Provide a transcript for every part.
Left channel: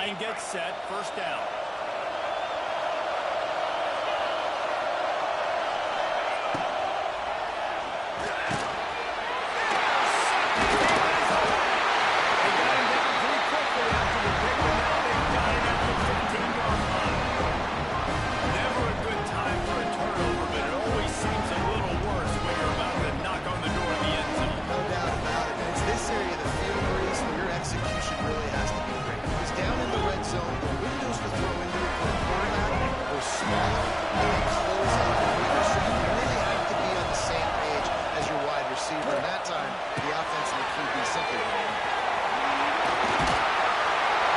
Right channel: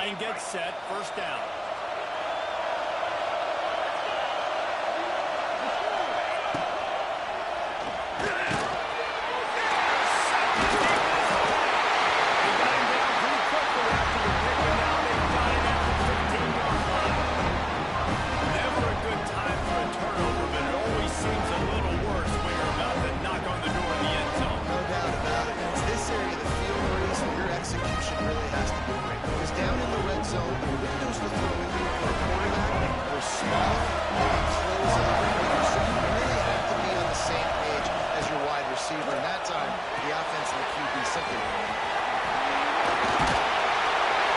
Line gets set, first down. Execution really has to be great because down in the red zone, the windows to throw into it for a quarterback are smaller and they close up quicker. So you really have to be on the same page as your wide receiver. And that time, the offense and the QB simply won.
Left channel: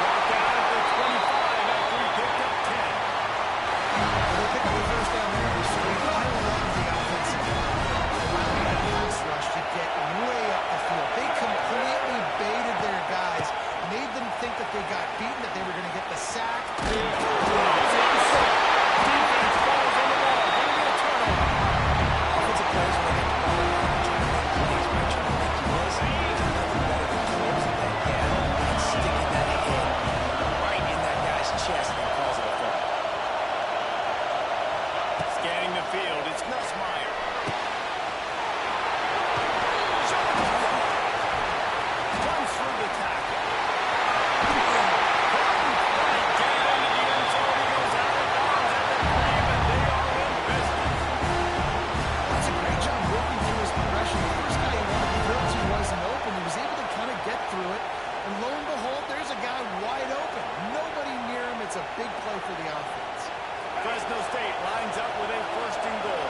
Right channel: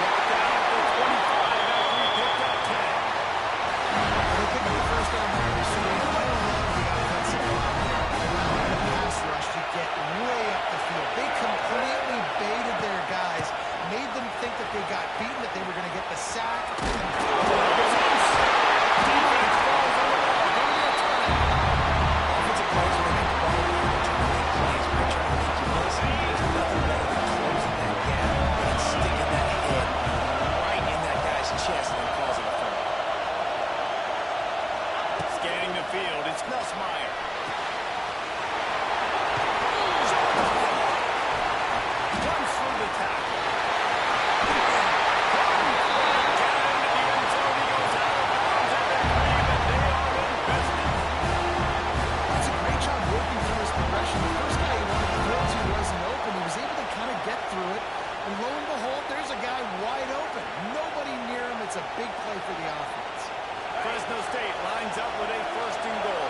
Brought down at the 25 after he picked up 10. Well, they pick up the first down there. I love the offensive line there, allowing the pass rush to get way up the field. They completely baited their guys, made them think that they got beaten, that they were going to get the sack. Defense falls on the ball. Going to be a turnover. Offensive players, when they get the ball, they're trying to make plays, right? Trying to make you miss. There's nothing better than closing that gap and sticking that head right in that guy's chest and calls it a fumble. Scanning the field, it's Nussmeier. Runs through the tackle. Right, get it into the end zone. He goes out of bounds at the 3, but they are in business. That's a great job working through his progression. The first guy he wanted to throw to wasn't open. He was able to kind of get through it. And lo and behold, there's a guy wide open. Nobody near him. It's a big play for the offense. Fresno State lines up with a first and goal.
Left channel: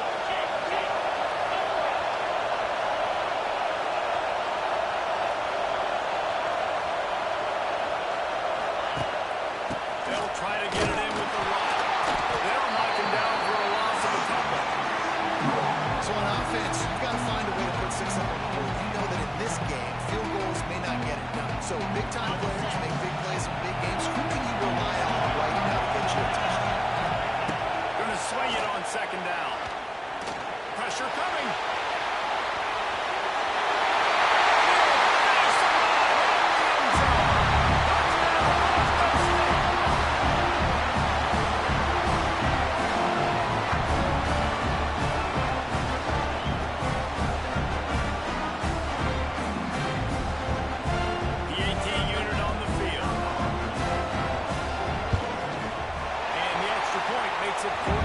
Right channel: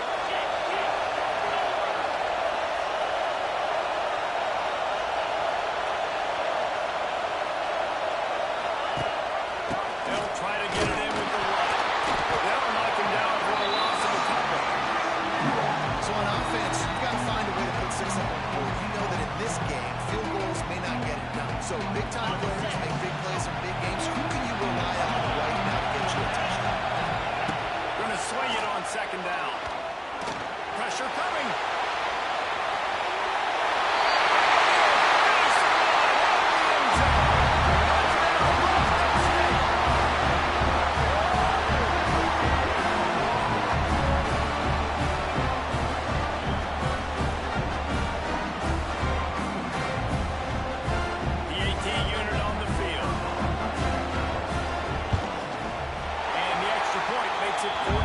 They'll try to get it in with the run. They'll knock him down for a loss of a couple. So on offense, you've got to find a way to put 6 up on the board. You know that in this game, field goals may not get it done. So big-time players make big plays in big games. Who can you rely on right now to get you a touchdown? Going to swing it on second down. Pressure coming. Makes it 14-0.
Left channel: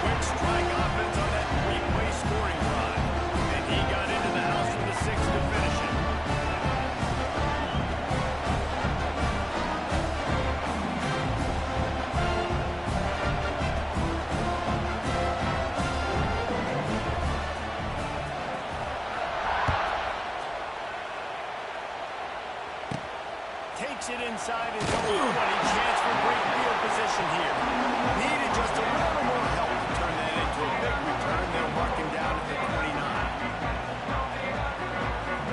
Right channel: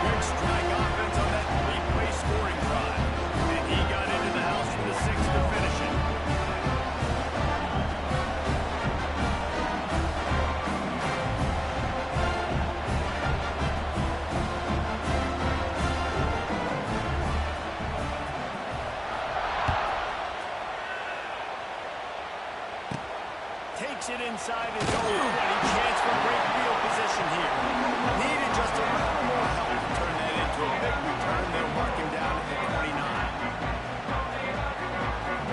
Quick strike offense on that 3-play scoring drive. And he got into the house for the 6th to finish it. Takes it inside his own 20. Chance for great field position here. Needed just a little more help to turn that into a big return. They'll mark him down at the 29.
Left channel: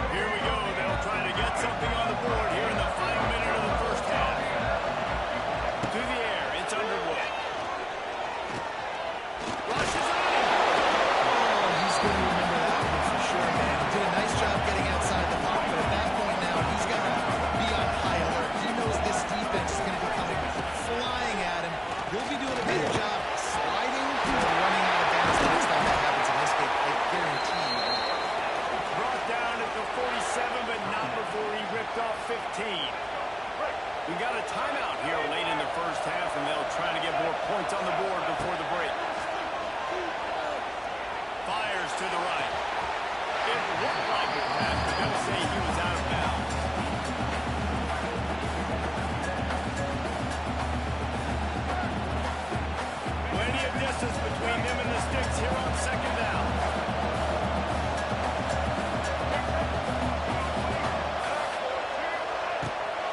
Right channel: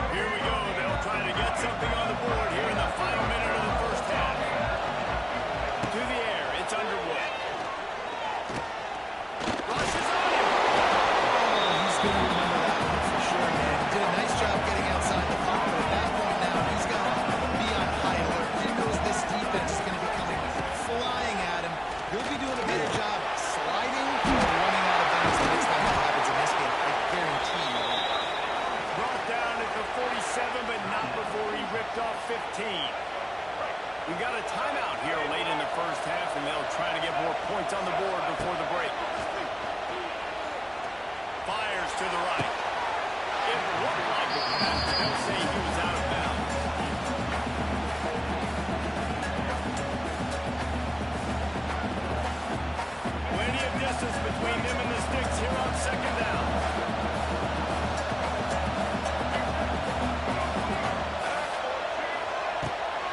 Here we go. They'll try to get something on the board here in the final minute of the first half. To the air, it's Underwood. Rushes on him. Oh, he's going to remember that one for sure, man. He did a nice job getting outside the pocket, but at that point now, he's got to be on high alert. He knows this defense is going to be coming flying at him. He'll be doing a better job sliding or running out of bounds the next time that happens in this game. I guarantee you that. Brought down at the 47, but not before he ripped off 15. We've got a timeout here late in the first half, and they'll try to get more points on the board before the break. Fires to the right. It looked like a pass, but they'll say he was out of bounds. Plenty of distance between them and the sticks here on second down.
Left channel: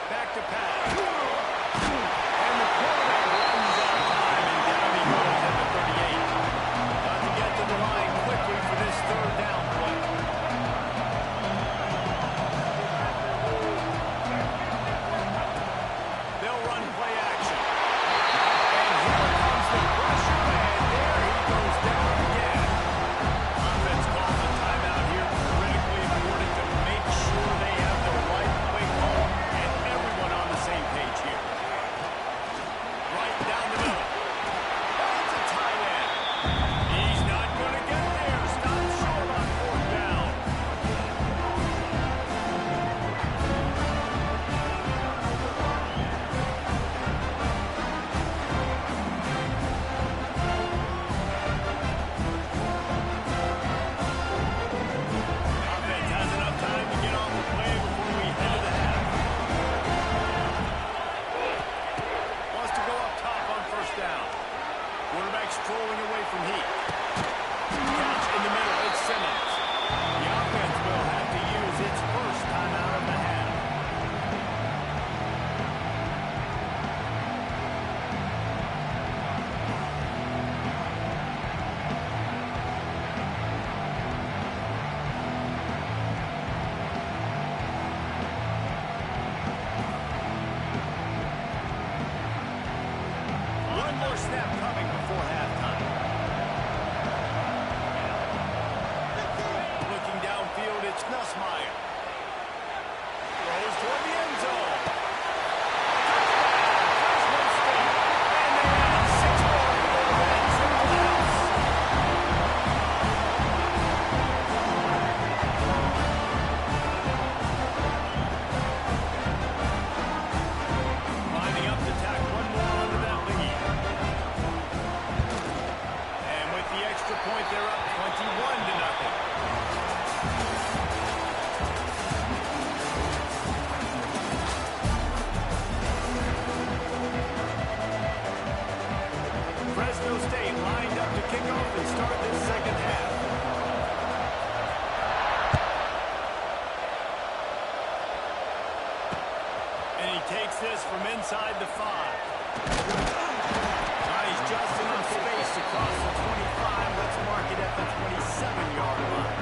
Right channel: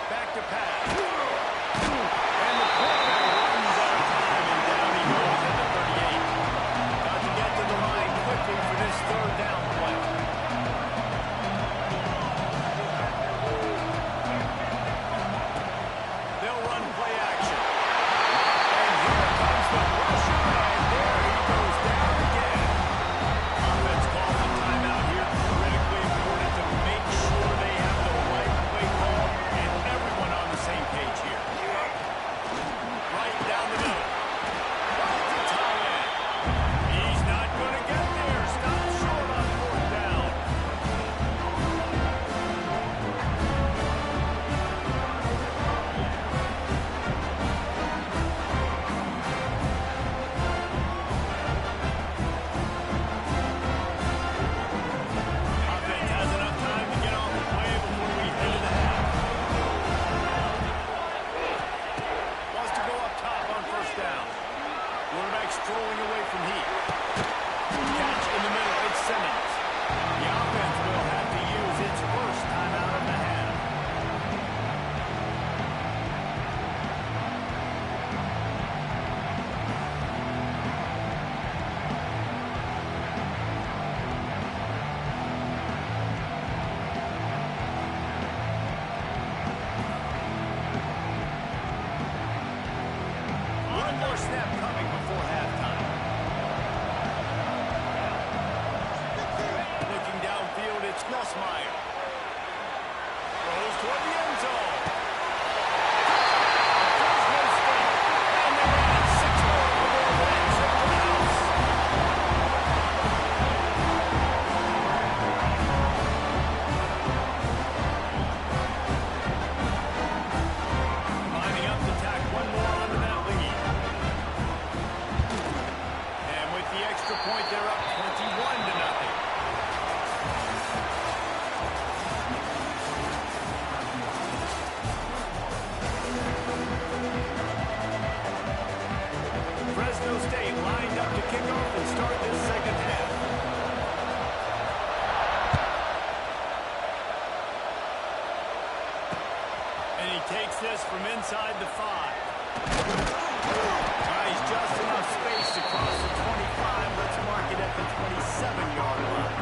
Back to pass. And the quarterback runs out of time, and down he goes at the 38. Got to get to the line quickly for this third down play. They'll run play action. And here comes the pressure, and there he goes down again. rolling away from heat. Catch in the middle. It's Simmons. The offense will have to use its first timeout of the half. One more snap coming before halftime. Looking downfield, it's Nussmeier. Throws toward the end zone. Touchdown, Fresno State. And they add 6 more to the board. That's it for the house. Lining up to tack one more onto that lead. And with the extra point, they're up 21-0. Fresno State lined up to kick off and start this second half. And he takes this from inside the 5. He's just enough space across the 25. Let's mark it at the 27-yard line.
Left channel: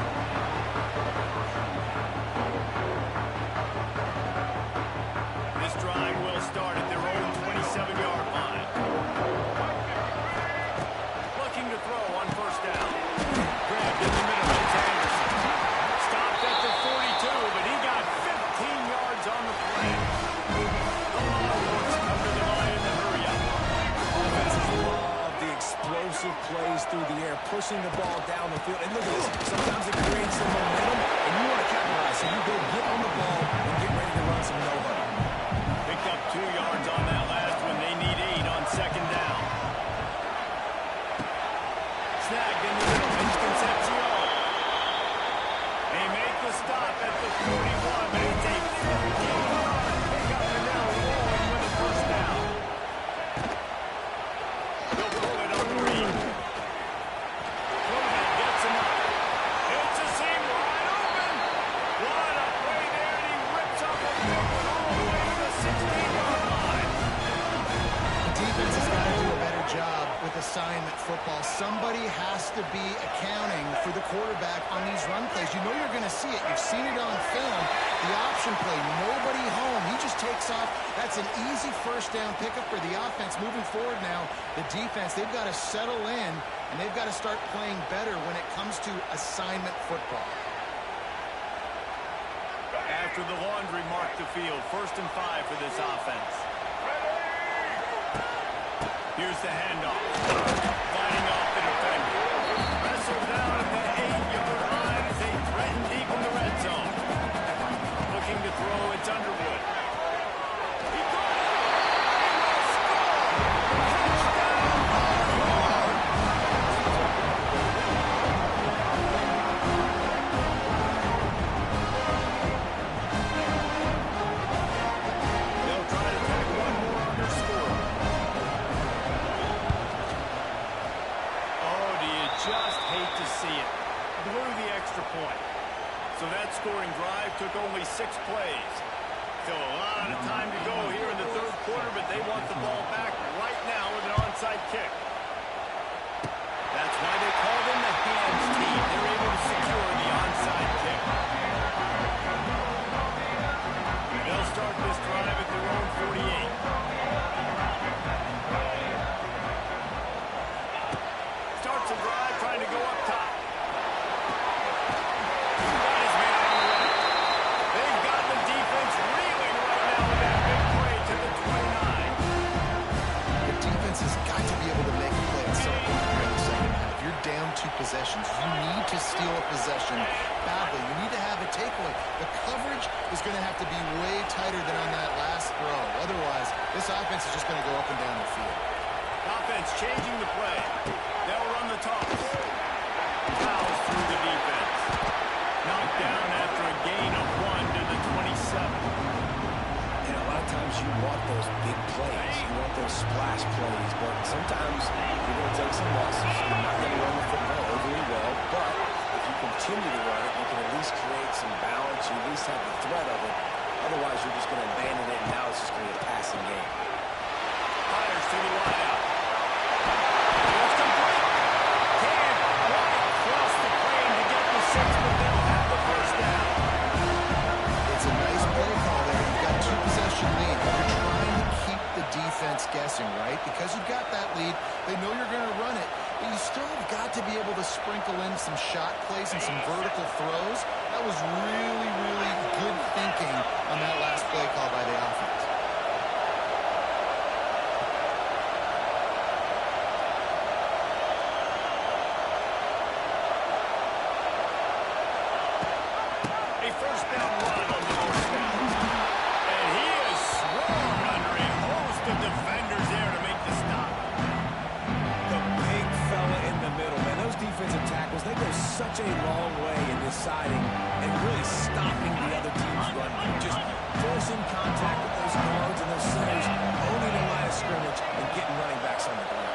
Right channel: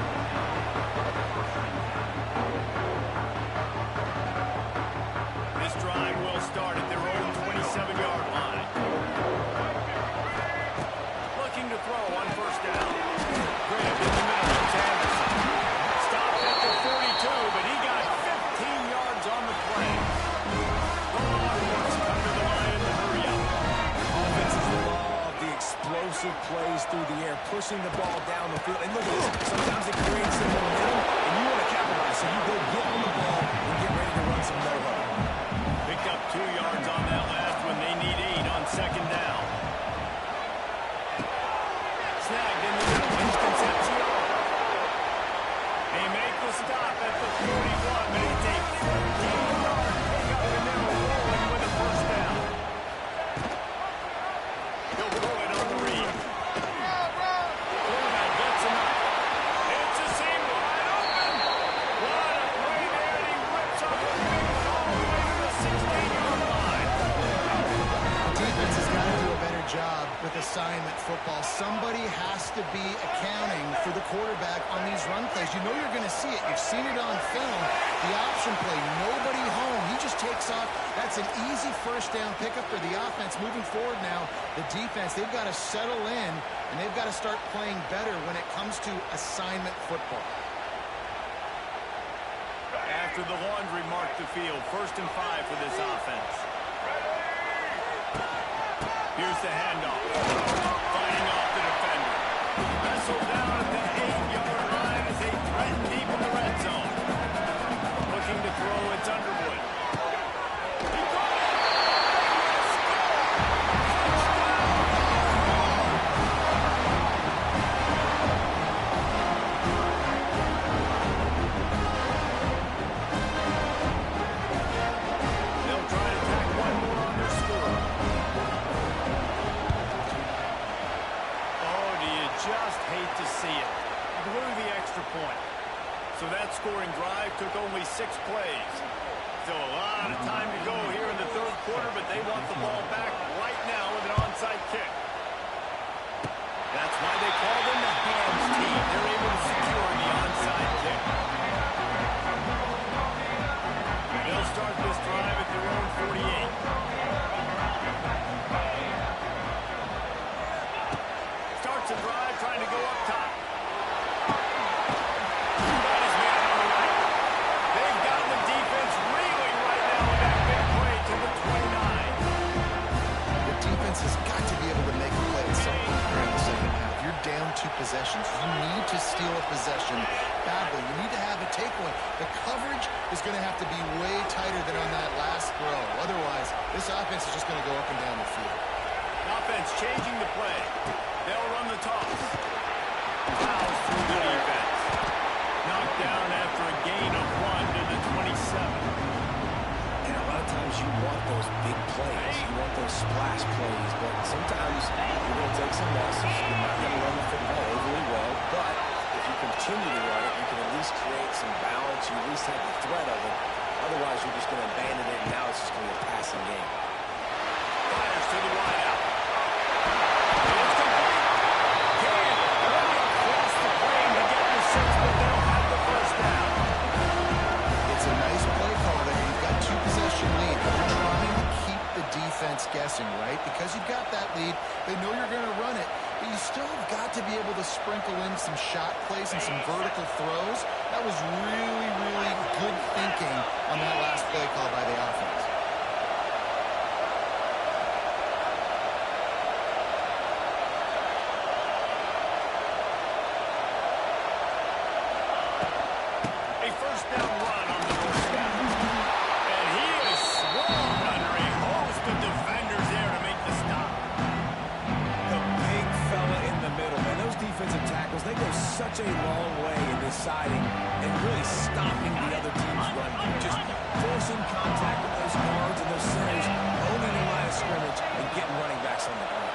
This drive will start at their own 27-yard line. Looking to throw on first down. Grabbed in the middle. It's Anderson. Stopped at the 42, but he got 15 yards on the play. The Longhorns come to the line in the hurry-up. Offenses love the explosive plays through the air, pushing the ball down the field. And look at this. Sometimes it creates some momentum, and you want to capitalize. So you go get on the ball and get ready to run some no-huddle. Picked up 2 yards on that last one. They need 8 on second down. Snagged in the middle. It's Concepcion. They make the stop at the 41, but it's a 15-yard pickup, and they're rolling with a first down. He'll pull it on the read. Quarterback gets enough. It's a seam wide open. What a play there, and he rips up a big one all the way to the 16-yard line. The defense has got to do a better job with assignment football. Somebody has to be accounting for the quarterback on these run plays. You know you're going to see it. You've seen it on film. The option play, nobody home. He just takes off. That's an easy first down pickup for the offense. Moving forward now, the defense, they've got to settle in, and they've got to start playing better when it comes to assignment football. After the laundry marked the field, 1st and 5 for this offense. Here's the handoff. Fighting off the defender. Wrestled down at the 8-yard line as they threaten deep in the red zone. Looking to throw, it's Underwood. He got it! They will score! Touchdown, Longhorns! They'll try to tack one more on their score. Just hate to see it. Blew the extra point. So that scoring drive took only 6 plays. Still a lot of time to go here in the 3rd quarter, but they want the ball back right now with an onside kick. That's why they call them the hands team. They're able to secure the onside kick. They'll start this drive at their own 48. Starts a drive trying to go up top. Got his man on the right. They've gotten the defense reeling right now with that big play to the 29. The defense has got to be able to make a play at some point during the second half. You're down 2 possessions. You need to steal a possession badly. You need to have a takeaway. The coverage is going to have to be way tighter than on that last throw. Otherwise, this offense is just going to go up and down the field. Offense changing the play. They'll run the toss. Fouls through the defense. Knocked down after a gain of 1 to the 27. And a lot of times you want those big plays. You want those splash plays, but sometimes you're going to take some losses. You're not going to run the football overly well, but if you continue to run it, you can at least create some balance. You at least have the threat of it. Otherwise, you're just going to abandon it, and now it's just going to be a passing game. Fires to the wideout. It's complete. Can right across the plane to get the 6, but they'll have the first down. It's a nice play call there. You've got 2-possession lead. You're trying to keep the defense guessing, right? Because you've got that lead, they know you're going to run it, but you still have got to be able to sprinkle in some shot plays and some vertical throws. That was really, really good thinking on that last play call by the offense. A first down run on the doorstep. And he is swarmed under a host of defenders there to make the stop. The big fella in the middle, man. Those defensive tackles, they go such a long way in deciding and really stopping the other team's run game. Just forcing contact with those guards and those centers, owning the line of scrimmage, and getting running backs on the ground.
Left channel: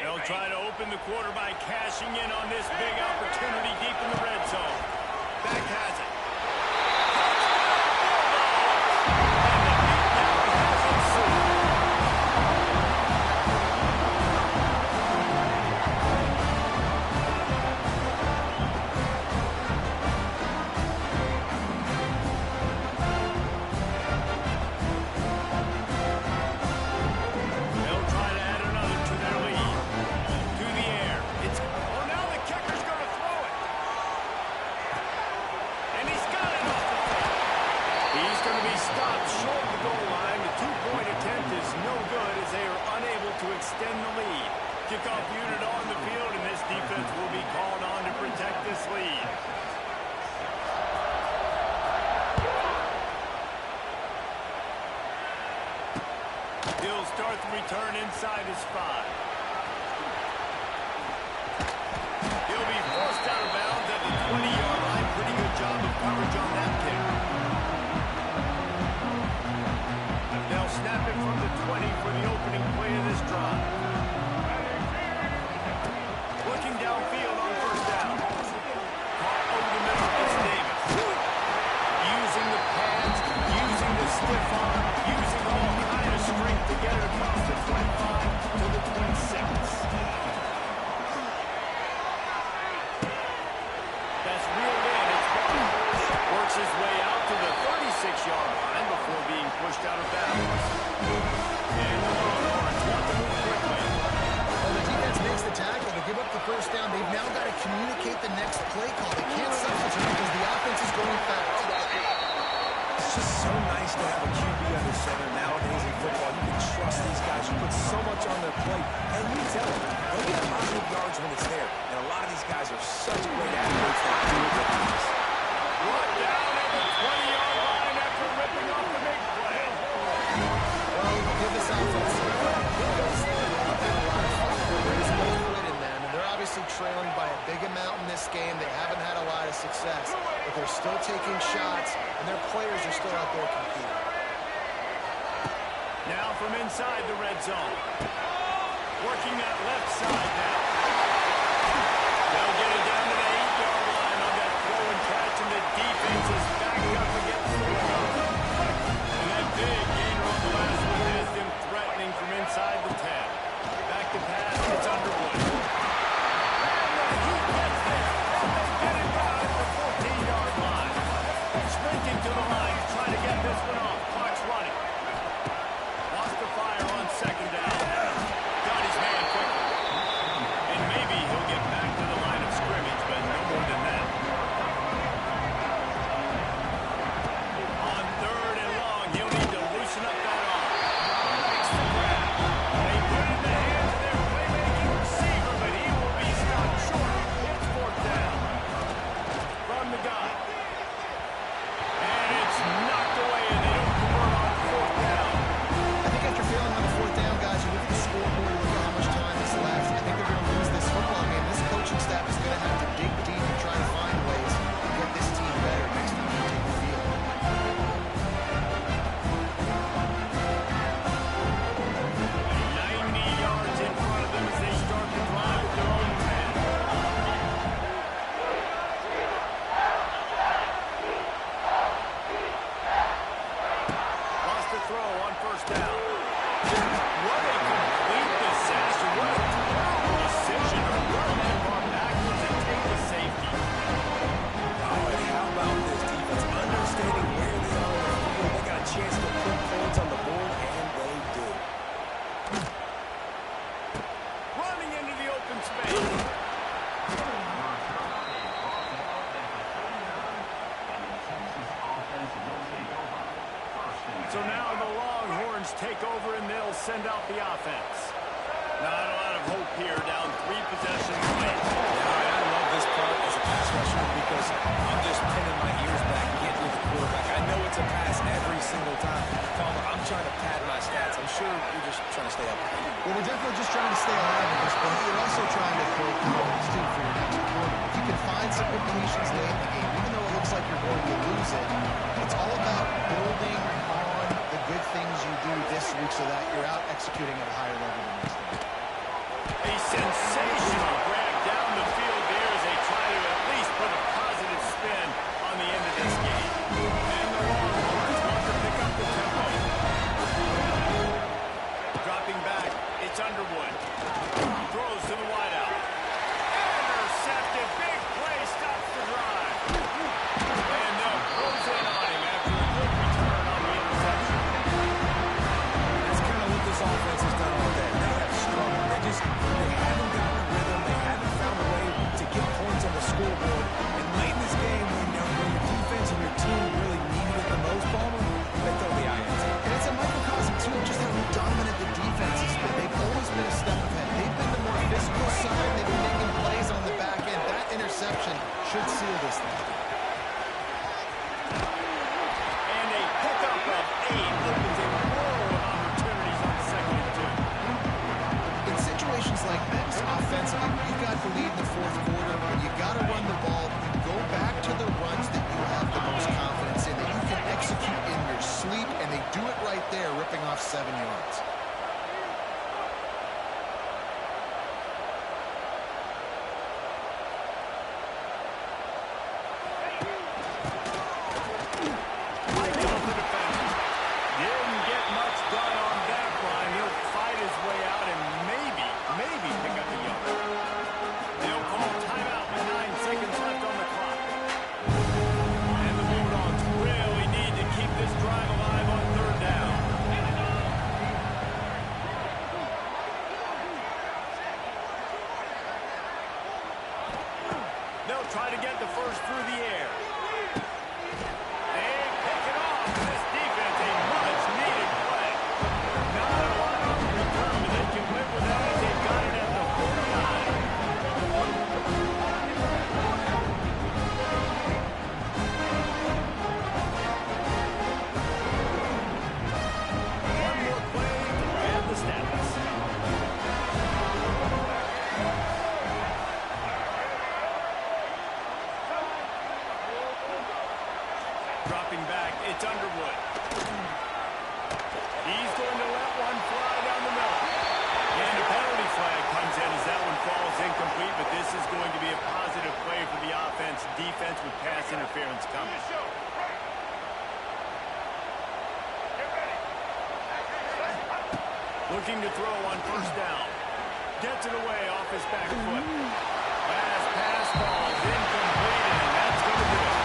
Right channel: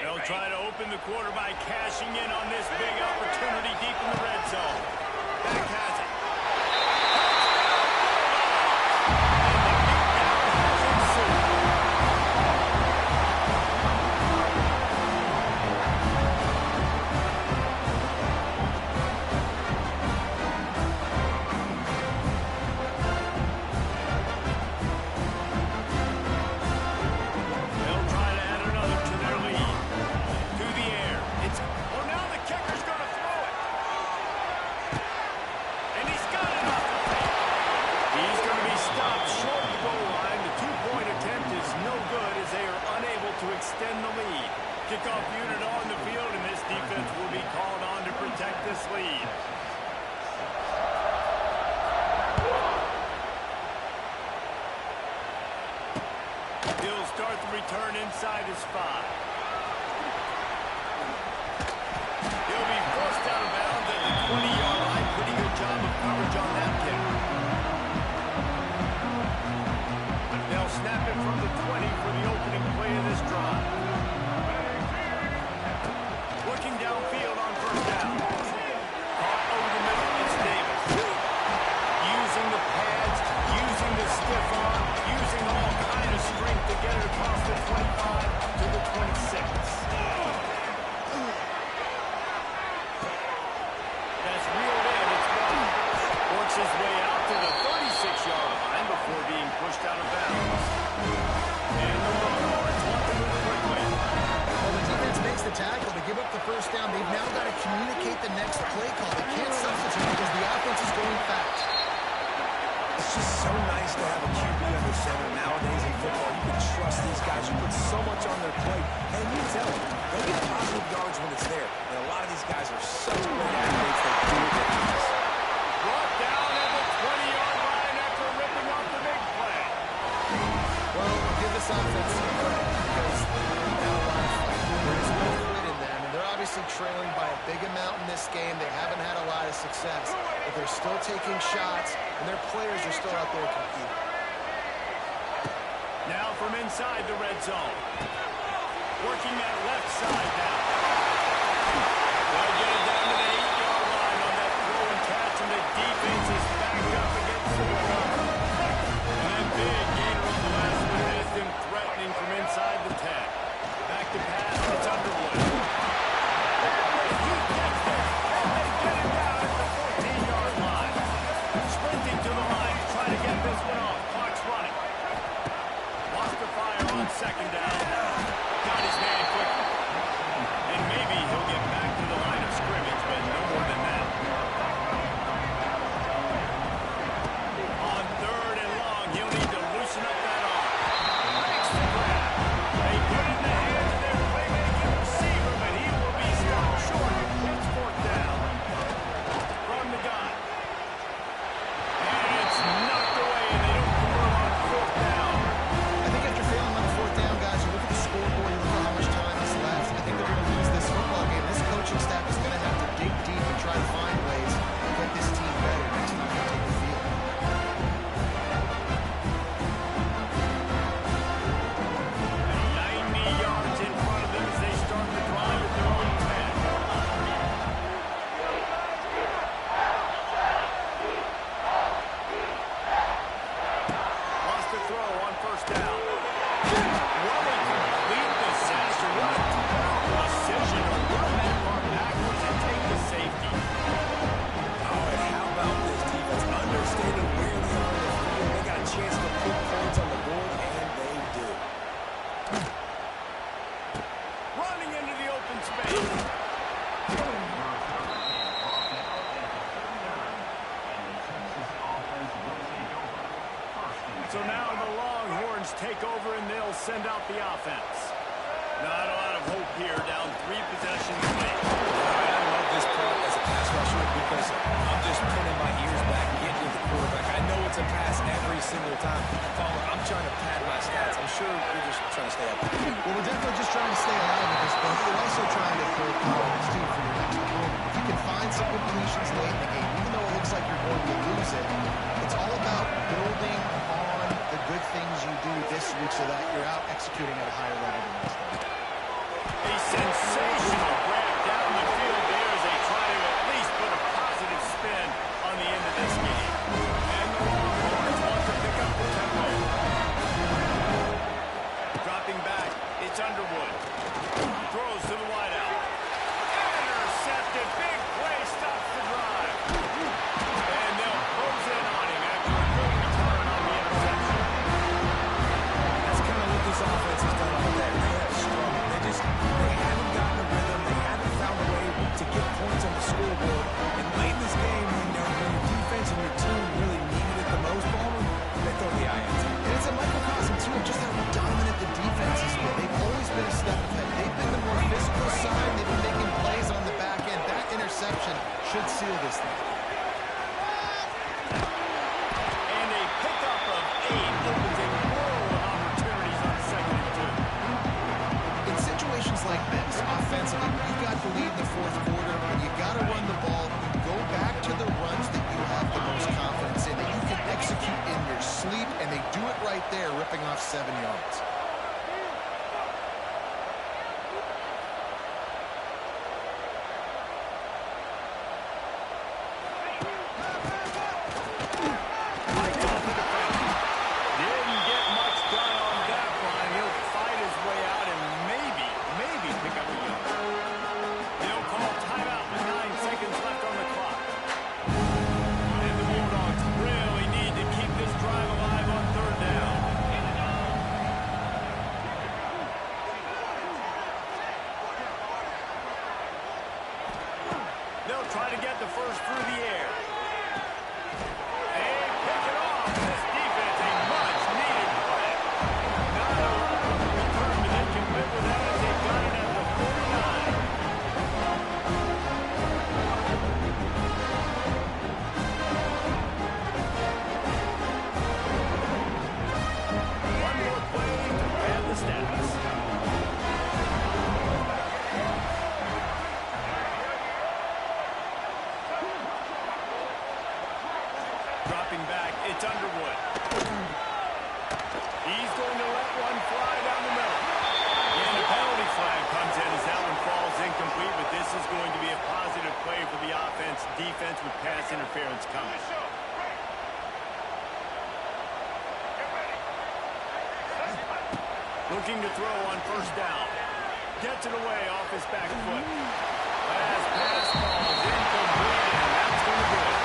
They'll try to open the quarter by cashing in on this big opportunity deep in the red zone. Back has it. Touchdown Bulldogs! And the beatdown has ensued. They'll try to add another to their lead. To the air. Oh, now the kicker's going to throw it. And he's got it off the fake. He's going to be stopped short of the goal line. The two-point attempt is no good as they are unable to extend the lead. Kickoff unit on the field, and this defense will be called on to protect this lead. He'll start the return inside his 5. He'll be forced out of bounds at the 20-yard line. Pretty good job of coverage on that kick. They'll snap it from the 20 for the opening play of this drive. Looking downfield on first down. Caught over the middle. It's Davis. Using the pads, using the stiff arm, using all kind of strength to get it across the 25 to the 26. That's reeled in. It's one. Works his way out to the 36-yard line before being pushed out of bounds. And the Longhorns want to move quickly. Well, the defense makes the tackle to give up the first down. They've now got to communicate the next play call. They can't substitute because the offense is going fast. It's just so nice to have a QB under center nowadays in football. You can trust these guys who put so much on their plate. And you tell them, they'll get positive yards when it's there. And a lot of these guys are such great athletes, they do it with ease. Brought down at the 20-yard line after ripping off the big play. Well, give this offense some credit because they've had a lot of fight. There is no quit in them, and they're obviously trailing by a big amount in this game. They haven't had a lot of success, but they're still taking shots, and their players are still out there competing. Now from inside the red zone. Working that left side now. They'll get it down to the 8-yard line on that throw and catch, and the defense is backed up against the winger. And that big gainer on the last one has them threatening from inside the 10. Back to pass, it's Underwood. And he gets there, and they get it down at the 14-yard line. Sprinting to the line to try to get this one off. Clock's running. Wants to fire on second down. Got his man quickly. And maybe he'll get back to the line of first down. What a complete disaster. What a terrible decision to run that far backwards and take the safety. Oh, and how about this defense? Understanding where they are in the field. They got a chance to put points on the board, and they do. Running into the open space. So now the Longhorns take over, and they'll send out the offense. Not a lot of hope here, down 3 possessions late. Now, I love this part as a pass rusher because I'm just pinning my ears back, getting to the quarterback. I know it's a pass every single time. Palmer, I'm trying to pad my stats. I'm sure you're just trying to stay up. Well, we're definitely just trying to stay alive with this, but you're also trying to build confidence, too, for your next opponent. If you can find some completions late in the game, even though it looks like you're going to lose it, it's all about building on the good things you do this week so that you're out executing at a higher level the next day. A sensational grab down the field there as they try to at least put a positive spin on the end of this game. And the Longhorns want to pick up the tempo. Dropping back, it's Underwood. Throws to the wideout. Intercepted. Big play stops the drive. And they'll close in on him after a good return on the interception. That's kind of what this offense has done all day. They have struggled. They haven't gotten a rhythm. They haven't found a way to get points on the scoreboard. And late in this game, when your defense and your team really needed it the most, Palmer, they throw the INT. And it's a microcosm, too, of just how dominant the defense has been. They've always been a step ahead. They've been the more physical side. They've been making plays on the back end. That interception should seal this thing. And a pickup of 8 opens a world of opportunities on 2nd and 2. In situations like this, offensively, you got the lead in the 4th quarter, and you got to run the ball. You go back to the runs that you have the most confidence in, that you can execute in your sleep, and they do it right there, ripping off 7 yards. They'll try to get the first through the air. They pick it off. This defense, a much-needed play. Not a lot of return, but they can live with that as they've got it at the 49. One more play to grab the stats. Dropping back, it's Underwood. He's going to let one fly down the middle. And a penalty flag comes in as that one falls incomplete, but this is going to be a positive play for the offense. Defense with pass interference coming. Looking to throw on first down. Gets it away off his back foot. Last pass falls incomplete, and that's going to do it.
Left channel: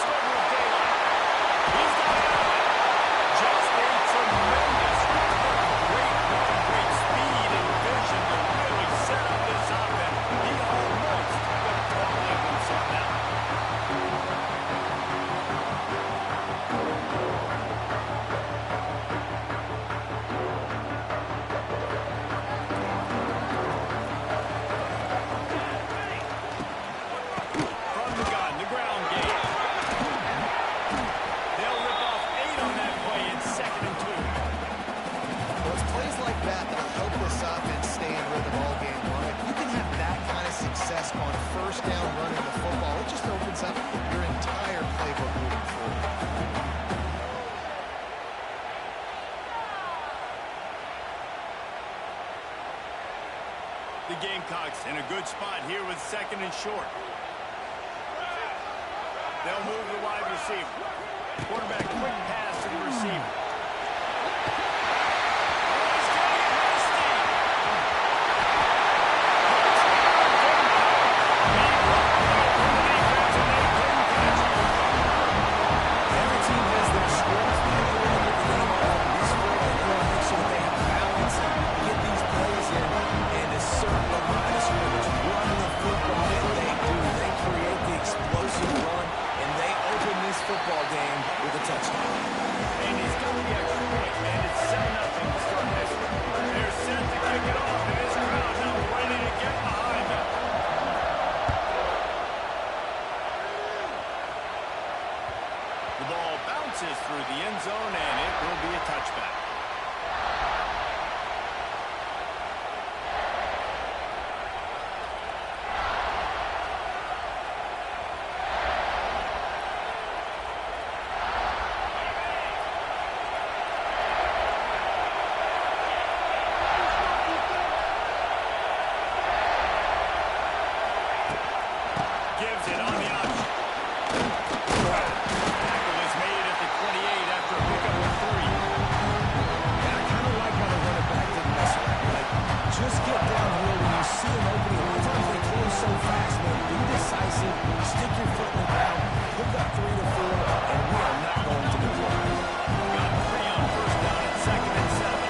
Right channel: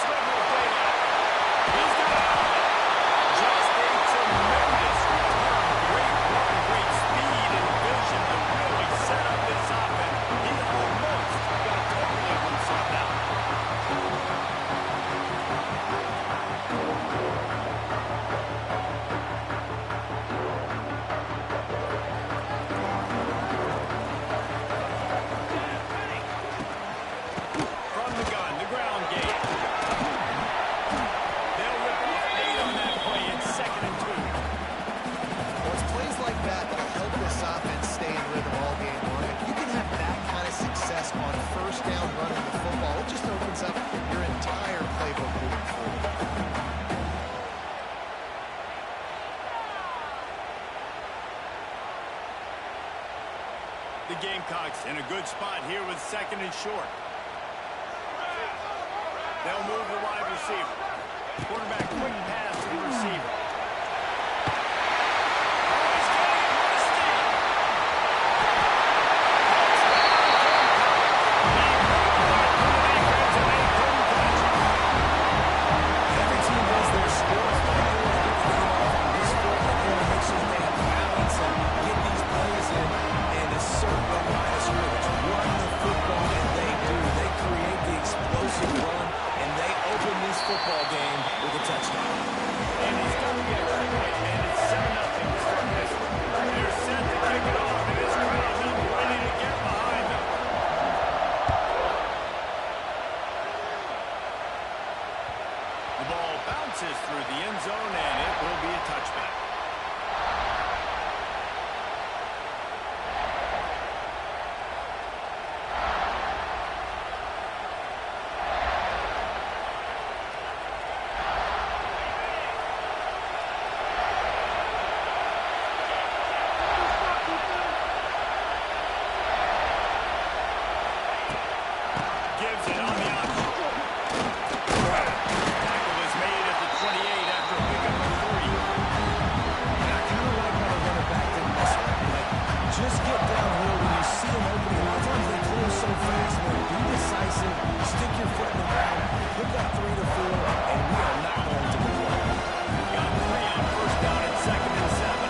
sliver of daylight. He's got it out of it. Just a tremendous return. Great run, great speed and vision to really set up this offense. He almost got totally loose on that. From the gun, the ground game. They'll rip off 8 on that play. It's 2nd and 2. Well, it's plays like that that'll help this offense stay in rhythm all game long. If you can have that kind of success on first down running the football, it just opens up your entire playbook moving forward. The Gamecocks in a good spot here with 2nd and short. They'll move the wide receiver. Quarterback quick pass to the receiver. Oh, he's getting it risky. Touchdown, Gamecocks. He broke away from the defense and they couldn't catch him. Every team has their sports, but they want to get the game off on this sport, and they want to make sure that they have balance and get these plays in and assert the line of scrimmage. Run the football, and they do. They create the explosive run, and they open this football game with a touchdown. And he's got the extra point, man. It's 7-0 to start this one. They're set to kick it off, and this crowd now ready to get behind them. The ball bounces through the end zone, and it will be a touchback. Gives it on the option. Tackle is made at the 28 after a pickup of 3. And I kind of like how the running back didn't mess around. Like, just get downhill when you see an opening. A lot of times they close so fast, man. Be decisive. Stick your foot in the ground. Pick up 3 to 4, and we are not going to deploy. Got 3 on first down at 2nd and 7.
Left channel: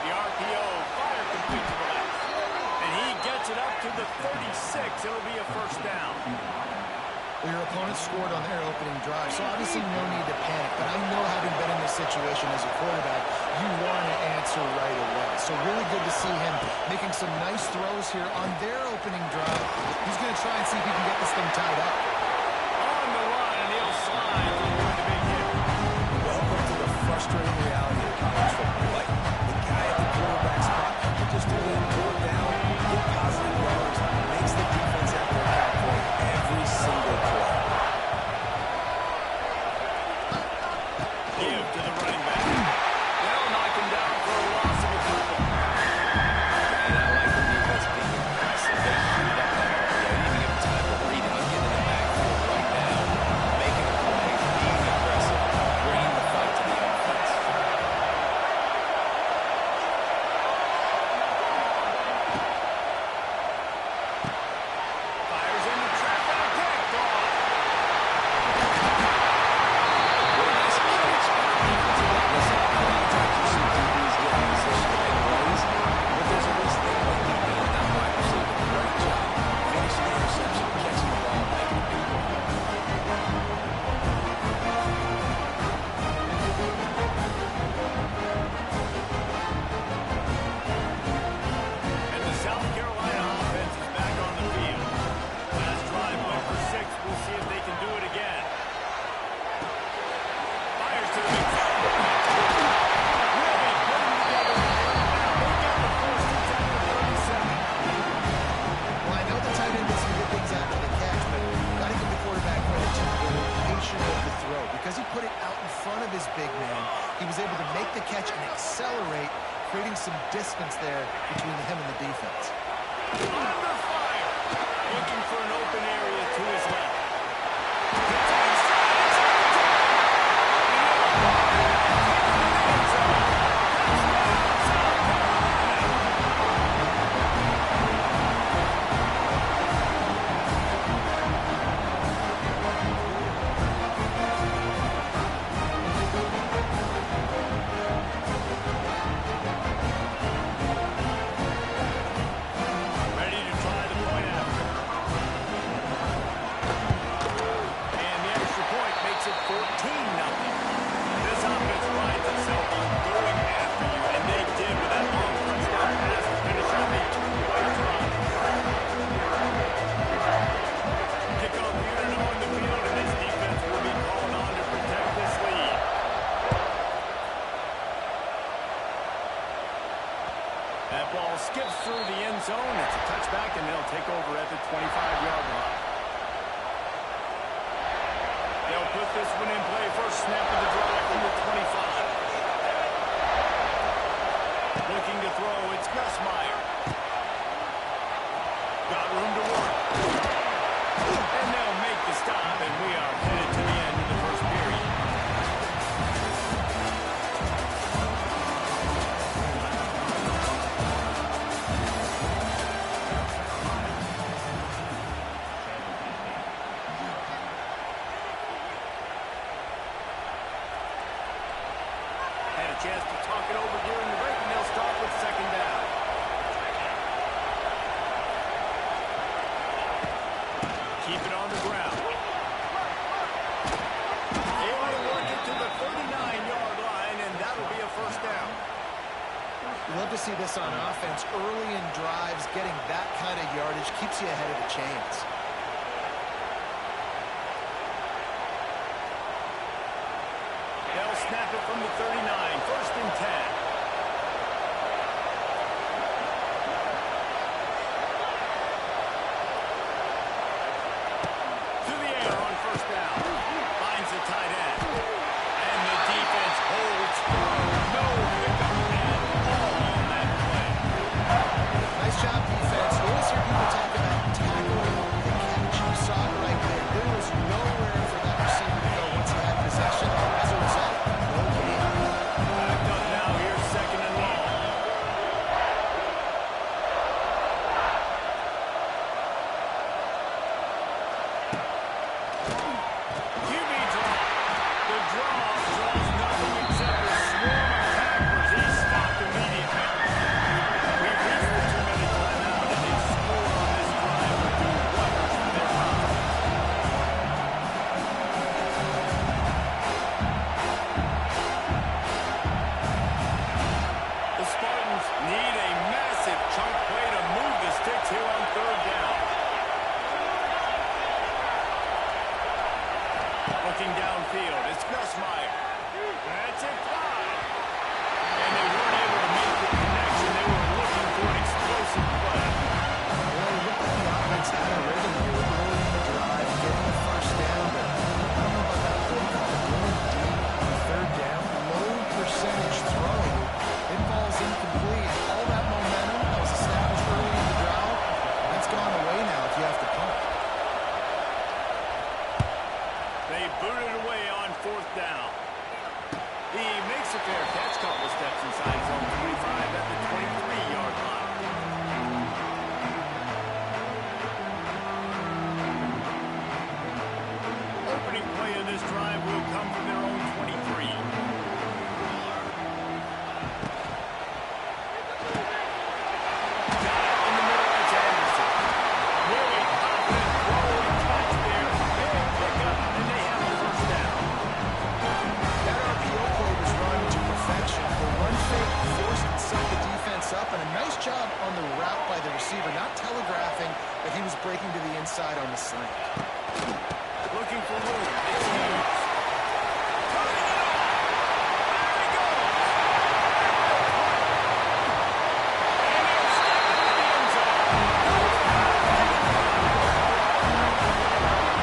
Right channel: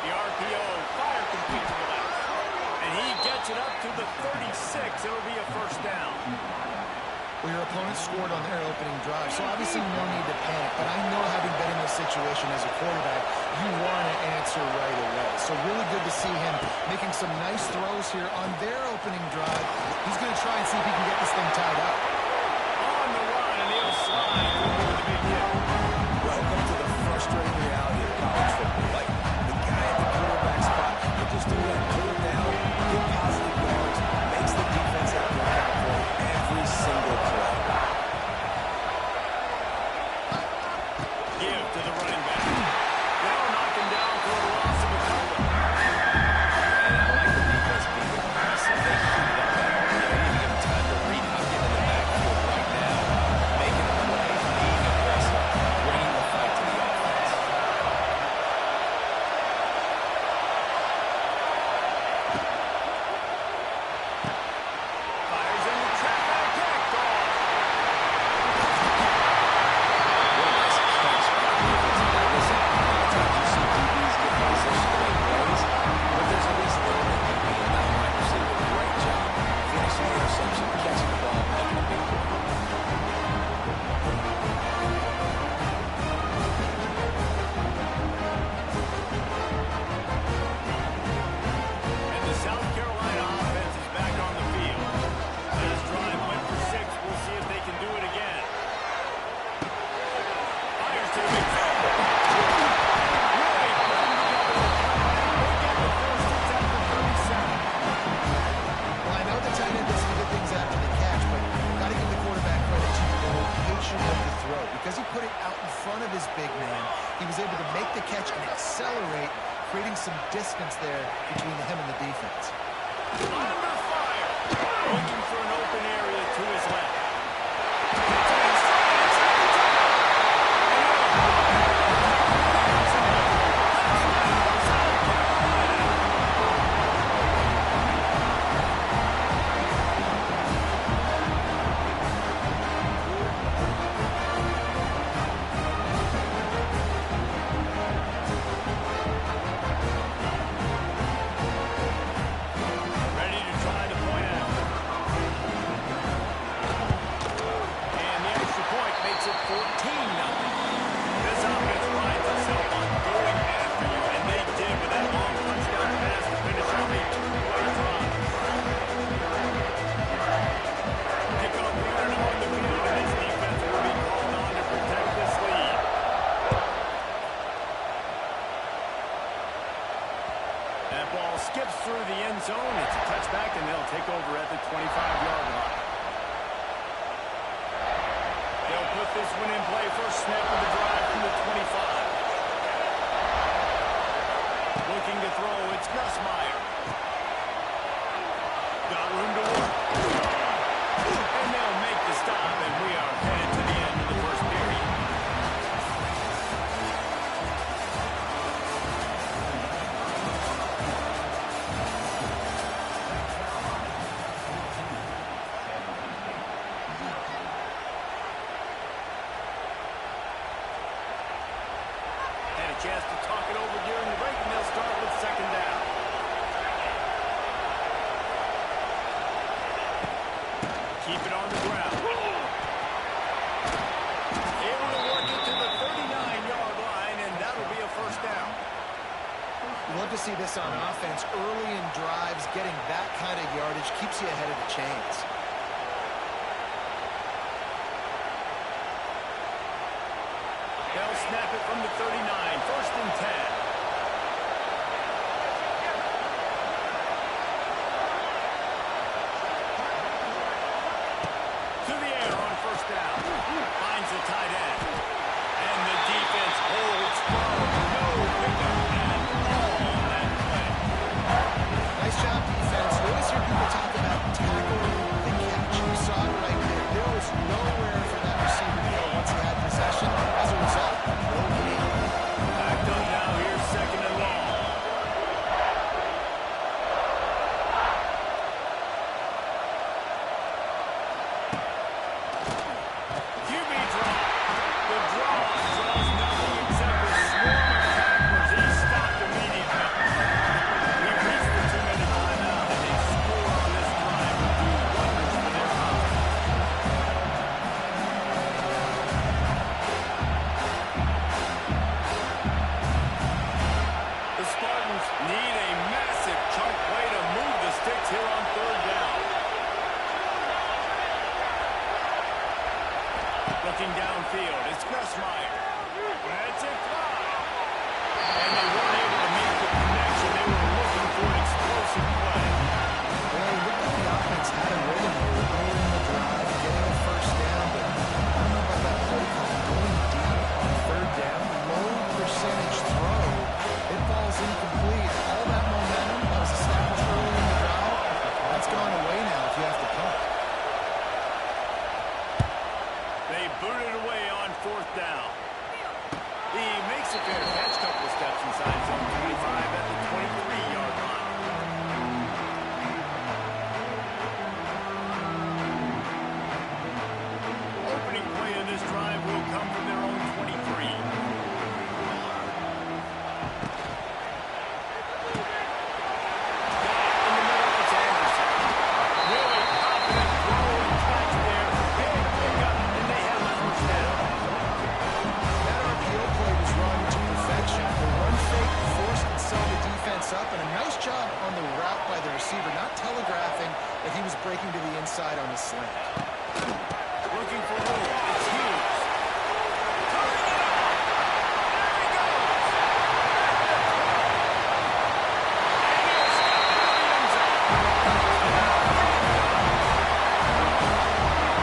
The RPO, fire complete to the left. And he gets it up to the 36. It'll be a first down. Well, your opponent scored on their opening drive, so obviously no need to panic. But I know, having been in this situation as a quarterback, you want to answer right away. So really good to see him making some nice throws here on their opening drive. He's going to try and see if he can get this thing tied up. On the run, and he'll slide to avoid the big hit. Welcome to the frustrating reality of college football. Like, the guy at the quarterback spot will just do that, pull it down, get positive yards, makes the defense have to account for every single play. Give to the running back. They'll knock him down for a loss of a couple. And I like the defense being aggressive. They heated up that RPO. You didn't give him time to read it. I'm getting in the backfield right now, making a play, being aggressive, bringing the fight to the offense. Fires into traffic. Picked off. What a nice catch by the defensive back. Listen, a lot of times you see DBs get in position to make plays, but there's a reason they play DB and not wide receiver. Great job finishing the interception, catching the ball, making a big play. And the South Carolina offense is back on the field. Last drive went for 6. We'll see if they can do it again. Fires to the big field. Really putting together a plan now. They get the first. It's at the 37. Well, I know the tight end does some good things after the catch, but got to give the quarterback credit to the location of the throw. Because he put it out in front of his big man, he was able to make the catch and accelerate, creating some distance there between him and the defense. Under fire. Looking for an open area to his left. Hits it inside. It's out of time. And he'll take it to the end zone. Touchdown, South Carolina. a touchback, and they'll take over at the 25-yard line. They'll put this one in play. First snap of the drive from the 25. Looking to throw, it's Nussmeier. Got room to work. And they'll make the stop, and we are headed to the end of the first period. Had a chance to talk it over during the break, and they'll start with second down. Keep it on the ground. Able to work it to the 39-yard line, and that'll be a first down. You love to see this on offense. Early in drives, getting that kind of yardage keeps you ahead of the chains. They'll snap it from the 39. First and 10. To the air on first down. Finds the tight end. And the defense holds firm. No pickup at all on that play. Nice job, defense. You always hear people talk about tackling the catch. You saw it right there. There was nowhere for that receiver to go once he had possession. As a result, no gain. Backed up now. Here's second and long. QB draw. The draw draws nothing except a swarm of tacklers. He's stopped immediately. We've reached the 2-minute timeout, and a score on this drive would do wonders for their confidence. The Spartans need a massive chunk play to move the sticks here on third down. Looking downfield, it's Nussmeier. That's it, fly. And they weren't able to make the connection. They were looking for an explosive play. Well, it looked like the offense had a rhythm here early in the drive, getting a first down, but I don't know about that play call. Going deep on third down, low percentage throw, it falls incomplete. All that momentum that was established early in the drive, that's gone away now if you have to punt. They booted away on fourth down. He makes a fair catch, couple of steps inside his own 25 at the 23-yard line. Opening play of this drive will come from their own 23. Got it in the middle, it's Anderson. Really confident throw and catch there. Big pickup, and they have a first down. That RPO play was run to perfection. The run fake forced and set the defense up, and a nice job on the route by the receiver, not telegraphing that he was breaking to the inside on the slant. Looking for room. It's Hughes. Turning it off. There he goes. At the 20. And he'll step into the end zone.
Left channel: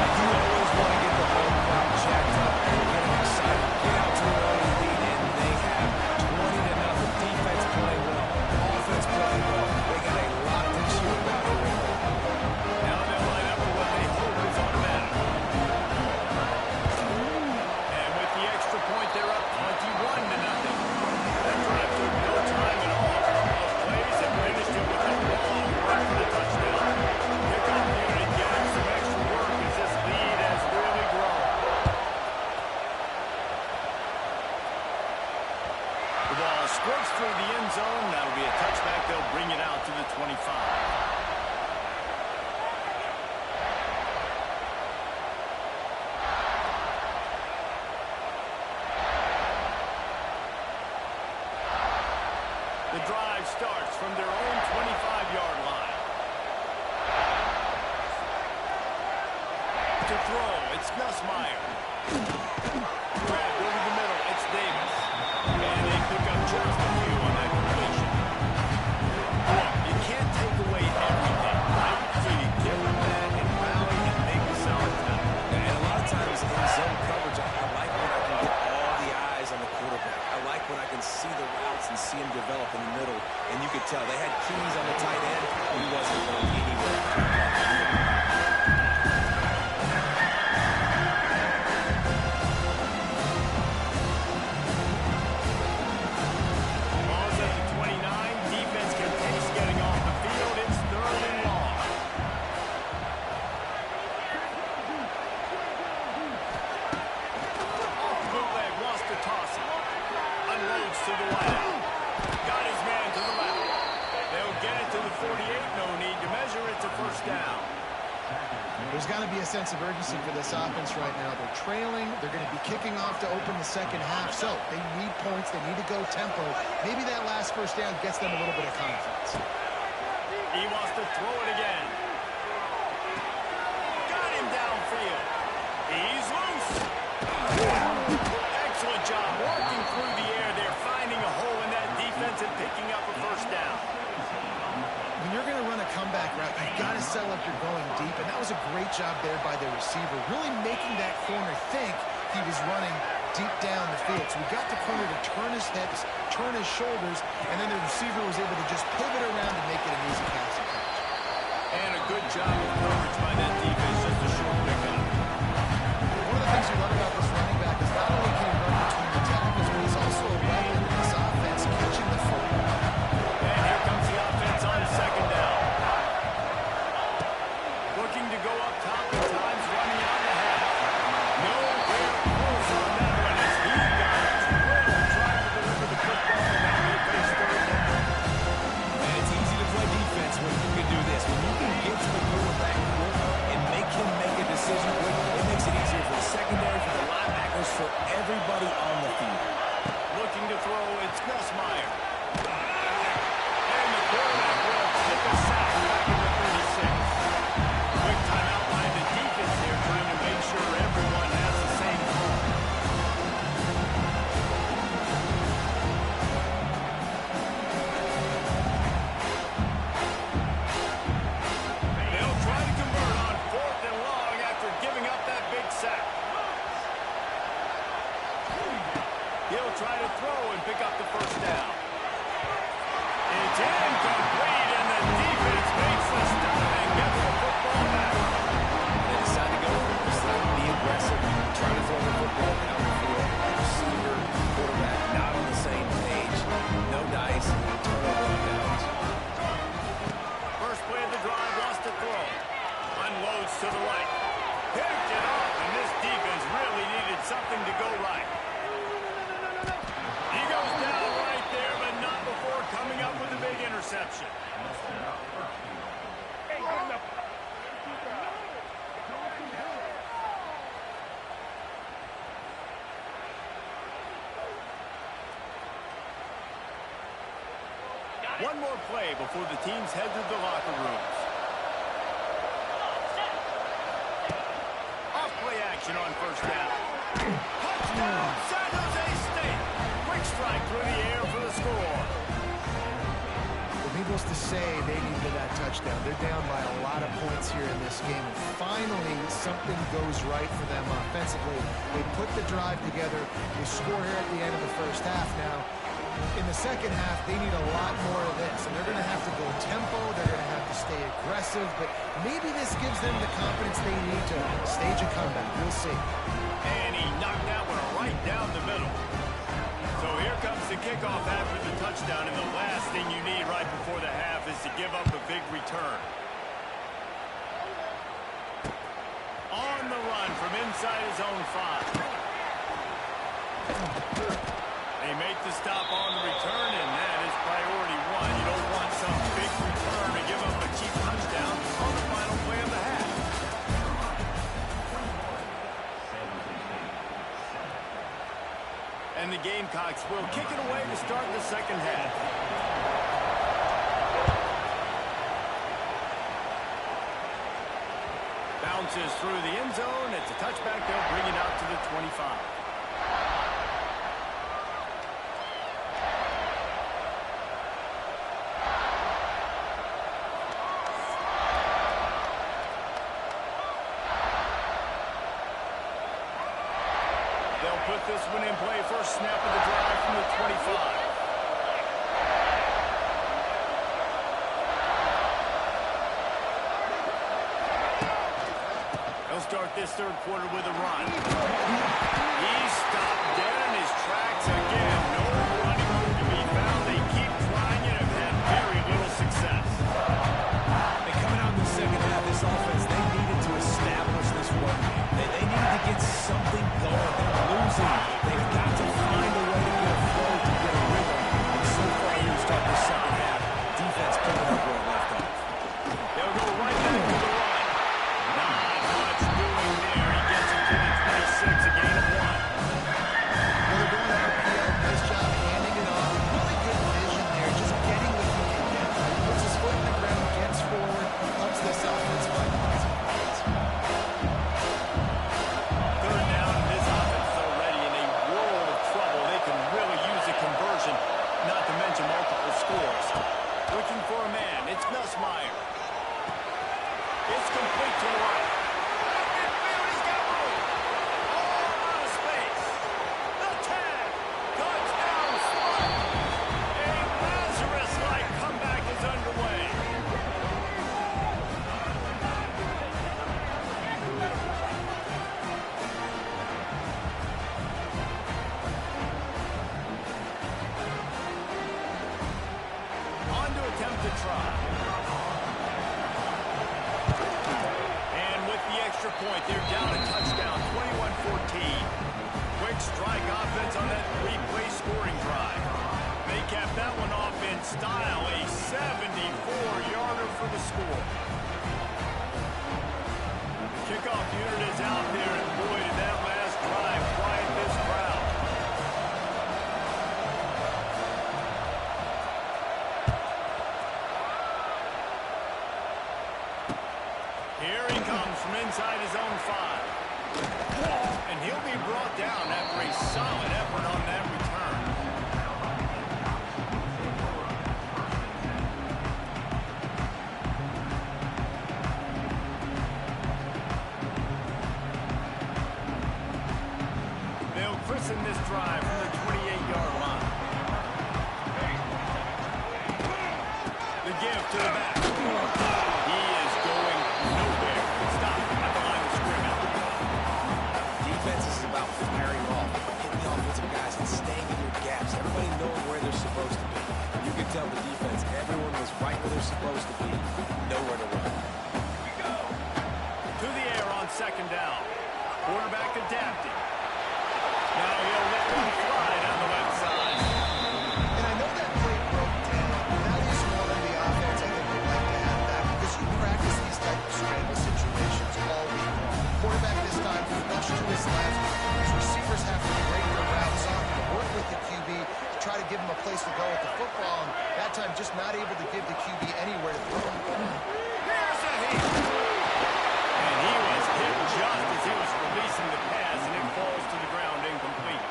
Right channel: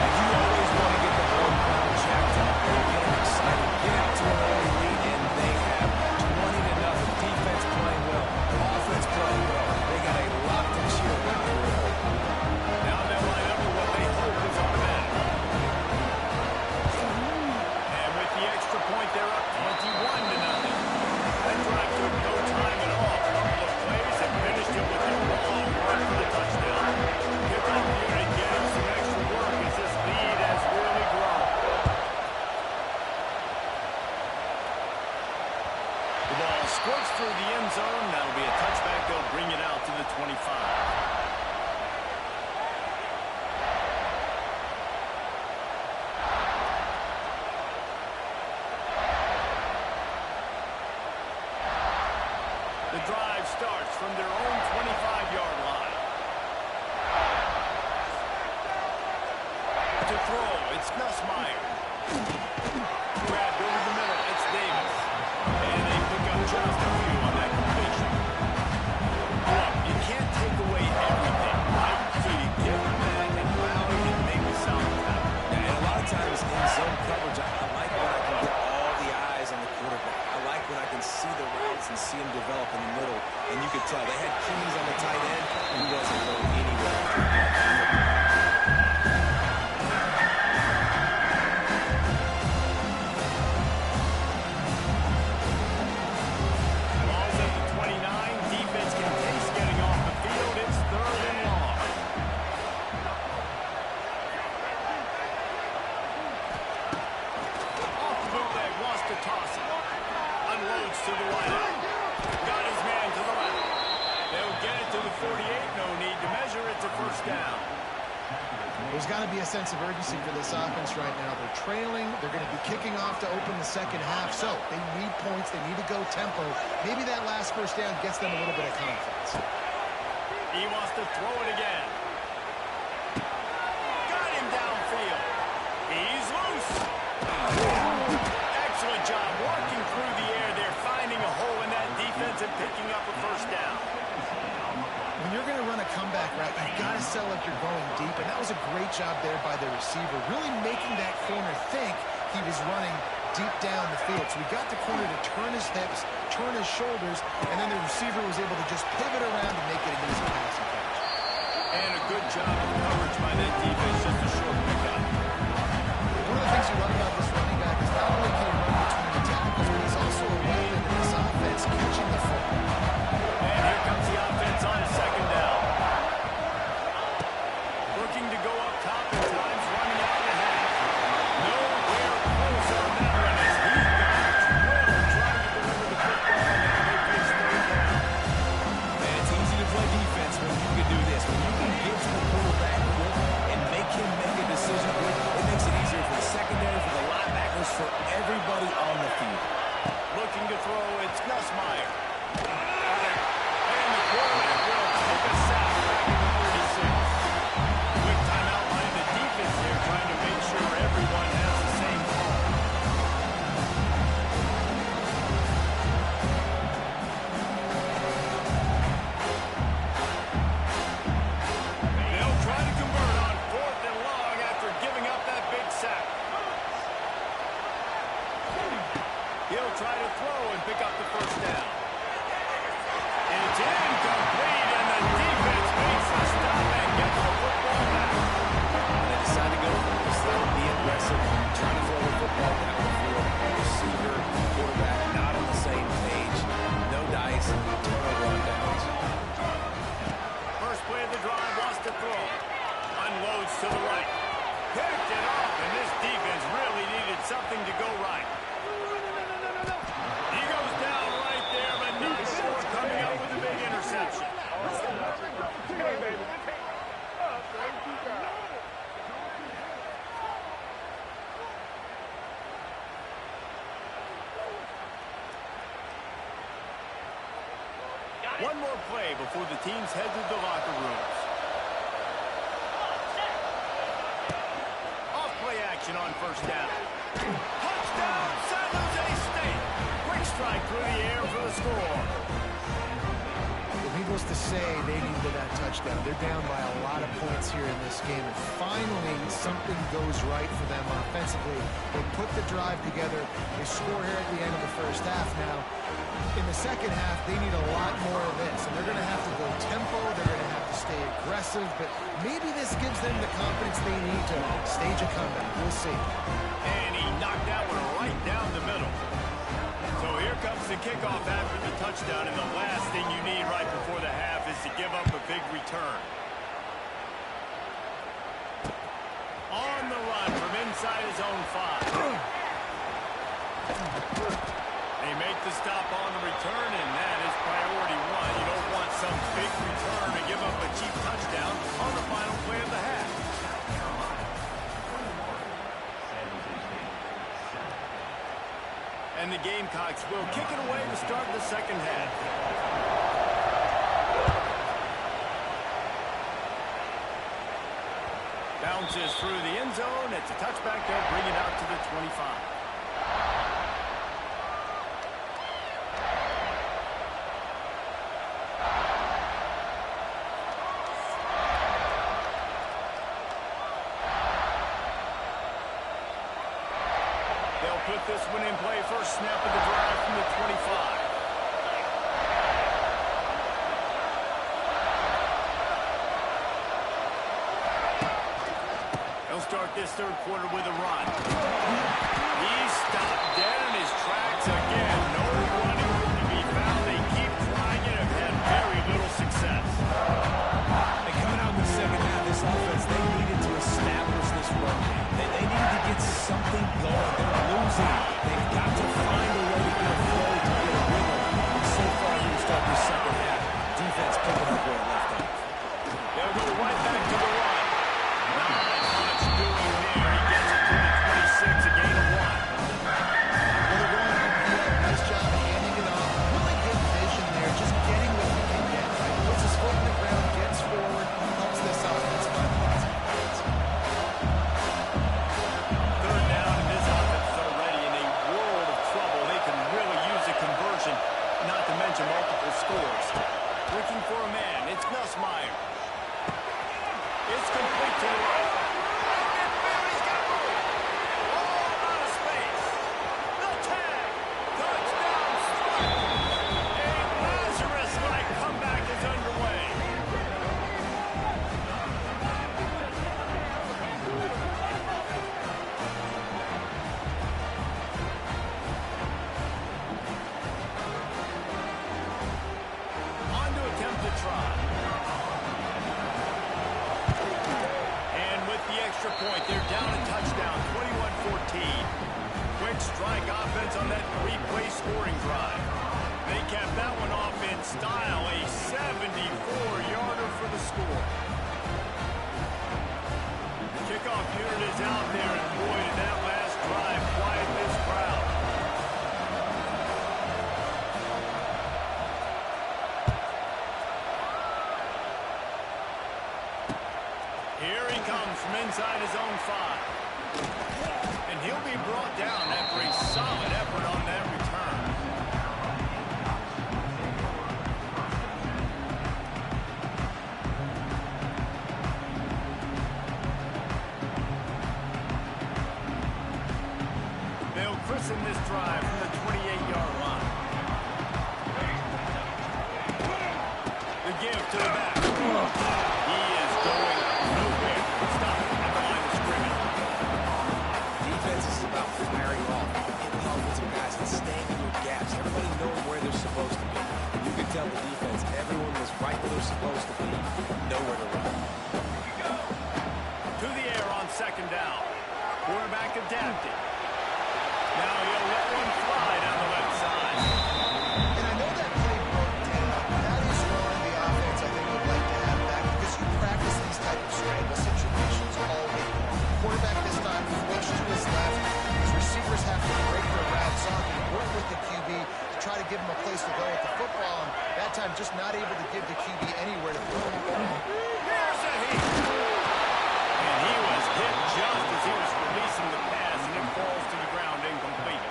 You always want to get the home crowd jacked up and get them excited. Get out to an early lead, and they have 20-0. Defense playing well. Offense playing well. They got a lot to cheer about here. Now they'll line up for what they hope is automatic. And with the extra point, they're up 21-0. That drive took no time at all. A couple of plays and finished it with a long run for the touchdown. Kickoff unit getting some extra work as this lead has really grown. The ball squirts through the end zone. That'll be a touchback. They'll bring it out to the 25. The drive starts from their own 25-yard line. To throw, it's Nussmeier. Grabbed over the middle, it's Davis. And they pick up just a few on that completion. Look, you can't take away every tell. They had keys on the tight end. He wasn't going anywhere after he got that. Ball's at the 29. Defense can taste getting off the field. It's 3rd and long. Off the bootleg, wants to toss it. Unloads to the wideout. Got his man to the left. They'll get it to the 48. No need to measure. It's a 1st down. There's got to be a sense of urgency for this offense right now. They're trailing. They're going to be kicking off to open the second half. So they need points. They need to go tempo. Maybe that last 1st down gets them a little bit of confidence. He wants to throw it again. Got him downfield. He's loose. Excellent job working through the air there, finding a hole in that defense and picking up a 1st down. When you're going to run a comeback route, you've got to sell like you're going deep, and that was a great job there by the receiver, really making that corner think he was running deep down the field. So we got the corner to turn his hips, turn his shoulders, and then the receiver was able to just pivot around and make it an easy passing catch. And a good job of coverage by that defense, just a short pickup. One of the things you love about this running back is not only can he run between the tackles, but he's also a weapon in this offense, catching the football. And here comes the offense on 2nd down. Looking to go up top at times, running out in the half. Nowhere close on that one as he got drilled trying to deliver the football, and now they face 3rd down. Man, it's easy to play defense when you can do this. When you can get to the quarterback quick and make him make a decision quick, it makes it easier for the secondary, for the linebackers, for everybody on the field. Looking to throw, it's Nussmeier. And the quarterback will take a sack back at the 36. Quick timeout by the defense there, trying to make sure everyone has the same call. They'll try to convert on 4th and long after giving up that big sack. He'll try to throw and pick up the 1st down. It's incomplete, and the defense makes the stop and gets the football back. They decide to go for it. Decide to be aggressive, trying to throw the football down the field. Receiver, quarterback, not on the same page. No dice, turnover on downs. First play of the drive, wants to throw. Unloads to the right. Picked it off, and this defense really needed something to go right. He goes down right there, but not before coming up with a big interception. One more play before the teams head to the locker rooms. Off-play action on 1st down. Touchdown, San Jose State. Quick strike through the air for the score. Well, needless to say, they needed that touchdown. They're down by a lot of points here in this game, and finally something goes right for them offensively. They put the drive together. They score here at the end of the 1st half. Now, in the 2nd half, they need a lot more of this, and they're going to have to go tempo. They're going to have to stay aggressive, but maybe this gives them the confidence they need to stage a comeback. We'll see. And he knocked that one right down the middle. So here comes the kickoff after the touchdown, and the last thing you need right before the half is to give up a big return. On the run from inside his own 5. They make the stop on the return, and that is priority 1. You don't want some big return to give up a cheap touchdown on the final play of the half. And the Gamecocks will kick it away to start the 2nd half. Bounces through the end zone. It's a touchback. They'll bring it out to the 25. They'll put this one in play. First snap of the drive from the 25. They'll start this third quarter with a run. He's stopped dead in his tracks again. No running room to be found. They keep trying it and have had very little success. And coming out in the second half, this offense, they needed to establish this run game. They needed to get something going. They're losing. They've got to find a way to get a flow, to get a rhythm. And so far here to start this second half, defense picking up where it left off. They'll go right back to the run. Not much doing there. He gets it to the 26, a gain of 1. Well, they're going RPO. Nice job handing it off. Really good vision there, just getting what he can get. Right? Puts his foot in the ground, gets forward, helps this offense find positive points. Third down, and this offense is already in a world of trouble. They can really use a conversion, not to mention multiple scores. Looking for a man. It's Nussmeier. It's complete to the right. Right midfield, he's got room. All out of space. The tag. Touchdown, Spartans. A Lazarus-like comeback is underway. On to attempt to try. The extra point. They're down a touchdown, 21-14. Quick strike offense on that three-play scoring drive. They capped that one off in style, a 74-yarder for the score. The kickoff unit is out there, and boy, did that last drive quiet this crowd. Here he comes from inside his own 5. And he'll be brought down after a solid effort on that return. They'll christen this drive from the 28-yard line. The give to the back. He is going nowhere. Stop at the line of scrimmage. Defense is about firing off, hitting the offensive guys and staying in your gaps. Everybody knowing where they're supposed to be. You could tell the defense, everyone was right where they're supposed to be. Nowhere to run. To the air on second down. Quarterback adapting. Now he'll let one fly down the left side. And I know that play broke down. That is one the offense, I think, would like to have back because you practice these type of scramble situations all week long. Quarterback this time flush to his left. His receivers have to break their routes off and work with the QB to try to give him a place to go with the football. And that time just not able to give the QB anywhere to throw. Here's a hit. And he was hit just as he was releasing the pass, and it falls to the ground incomplete.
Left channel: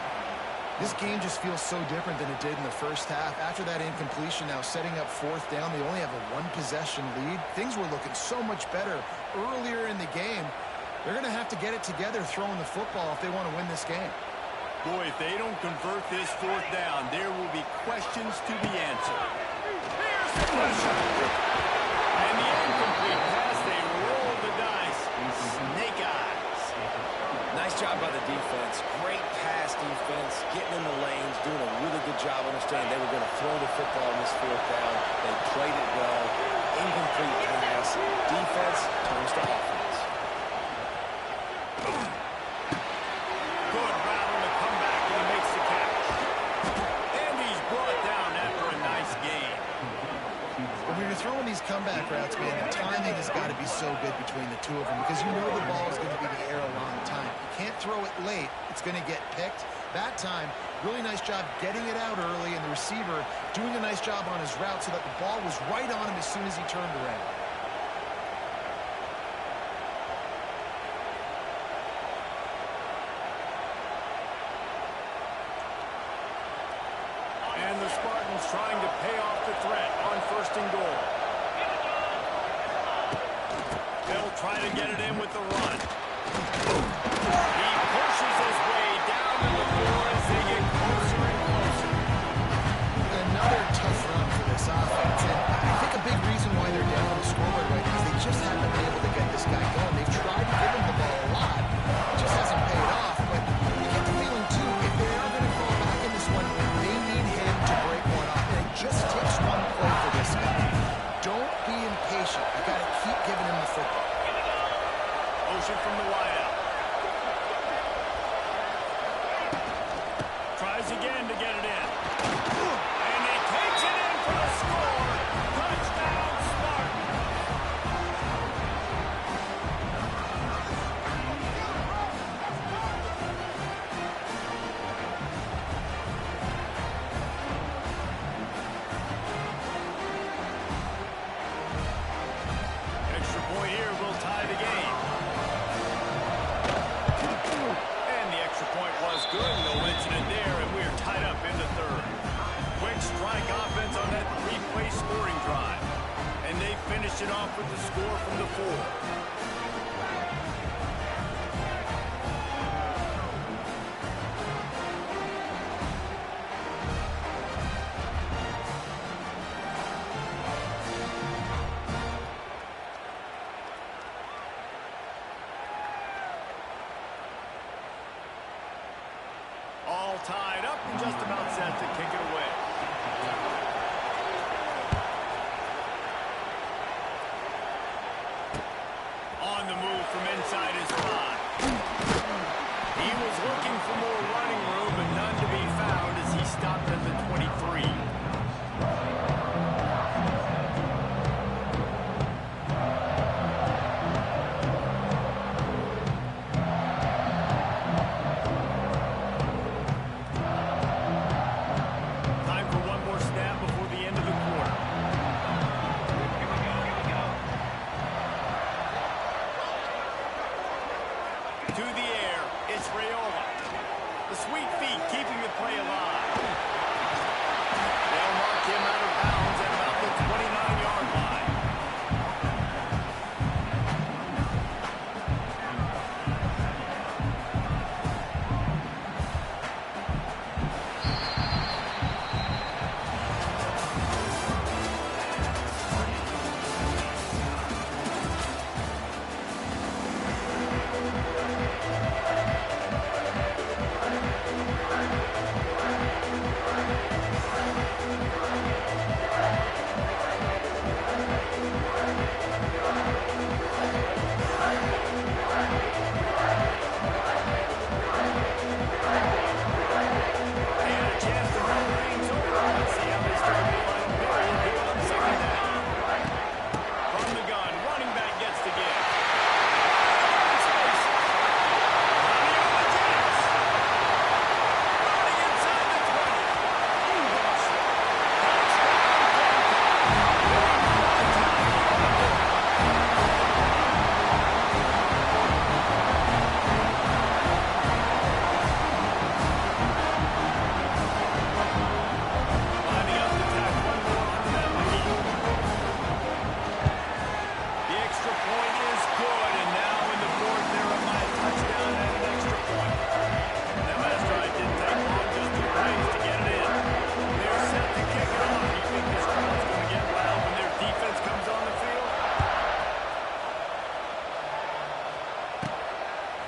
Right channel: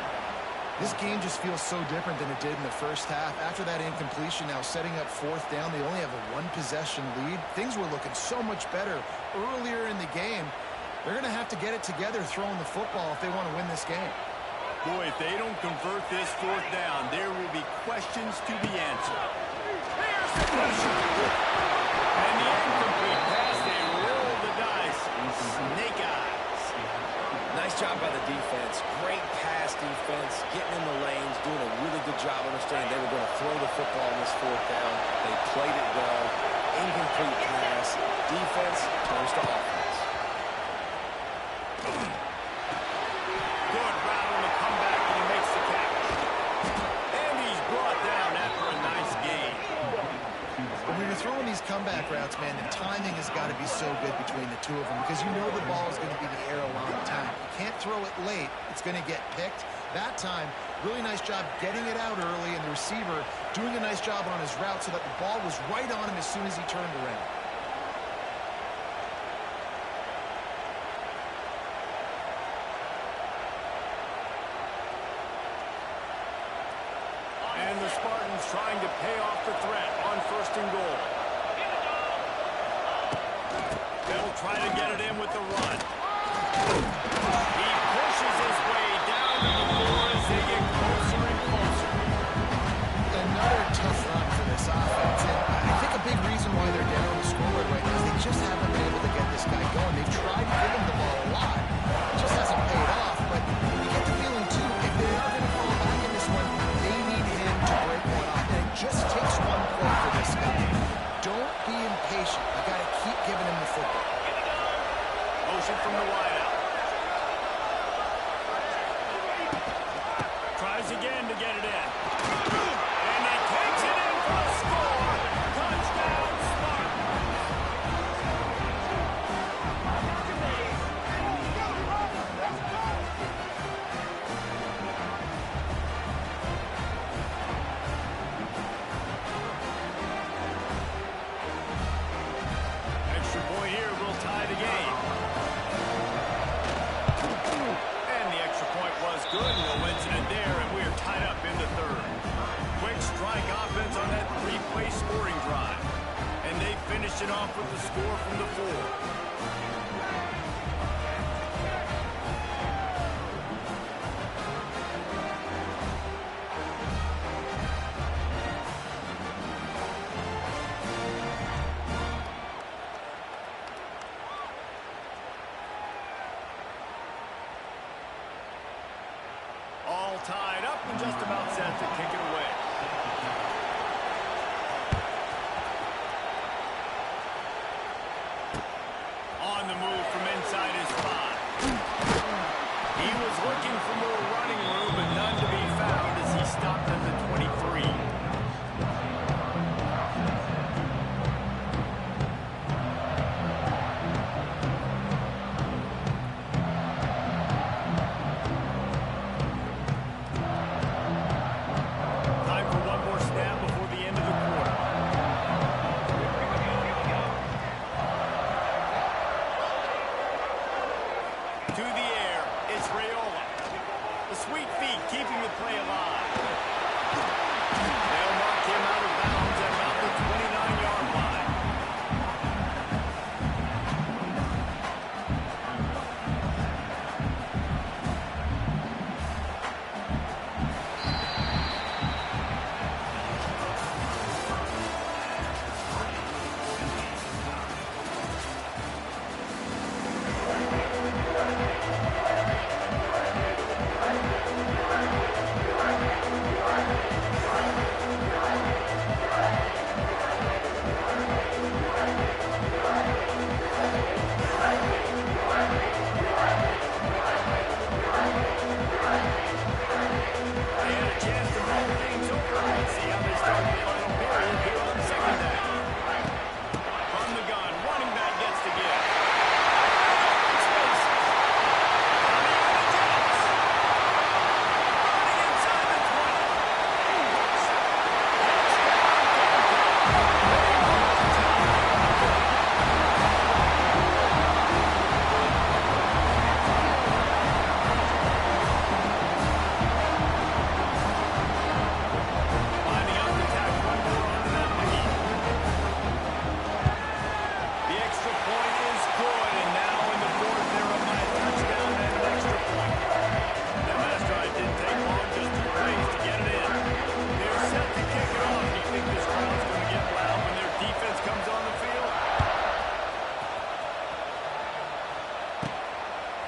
This game just feels so different than it did in the first half. After that incompletion, now setting up fourth down, they only have a one-possession lead. Things were looking so much better earlier in the game. They're going to have to get it together throwing the football if they want to win this game. Boy, if they don't convert this fourth down, there will be questions to be answered. Here's the pressure. And the incomplete pass, they roll the dice. Snake eyes. Nice job by the defense. Great pass defense, getting in the lanes, doing a really good job understanding they were going to throw the football in this fourth down. They played it well. Incomplete pass. Defense turns to offense. Good route on the comeback, and he makes the catch. And he's brought down after a nice gain. When you're throwing these comeback routes, man, the timing has got to be so good between the two of them because you know the ball is going to be in the air a long time. You can't throw it late. It's going to get picked. That time, really nice job getting it out early, and the receiver doing a nice job on his route so that the ball was right on him as soon as he turned around. And the Spartans trying to pay off the threat on first and goal. They'll try to get it in with the run. He pushes his way down to the floor as they get closer and closer. Another tough run for this offense, and I think a big reason why they're down on the scoreboard right now is they just haven't been able to get this guy going. They've tried to give him the ball a got to keep giving him the football. Motion from the wideout. Tries again to get it in. And he takes it in for the score. Touchdown, Spartans. Extra point here will tie the game. And the extra point was good. No incident there, and we're tied up in the third. Quick strike offense on that three-play scoring drive. And they finished it off with the score from the 4. All tied up and just about set to kick it away. On the move from inside his 5. He was looking for more running room, but none to be found as he stopped at the 23. To the air, it's Raiola. The sweet feet keeping the play alive. They'll mark him out of bounds at about the 29-yard line.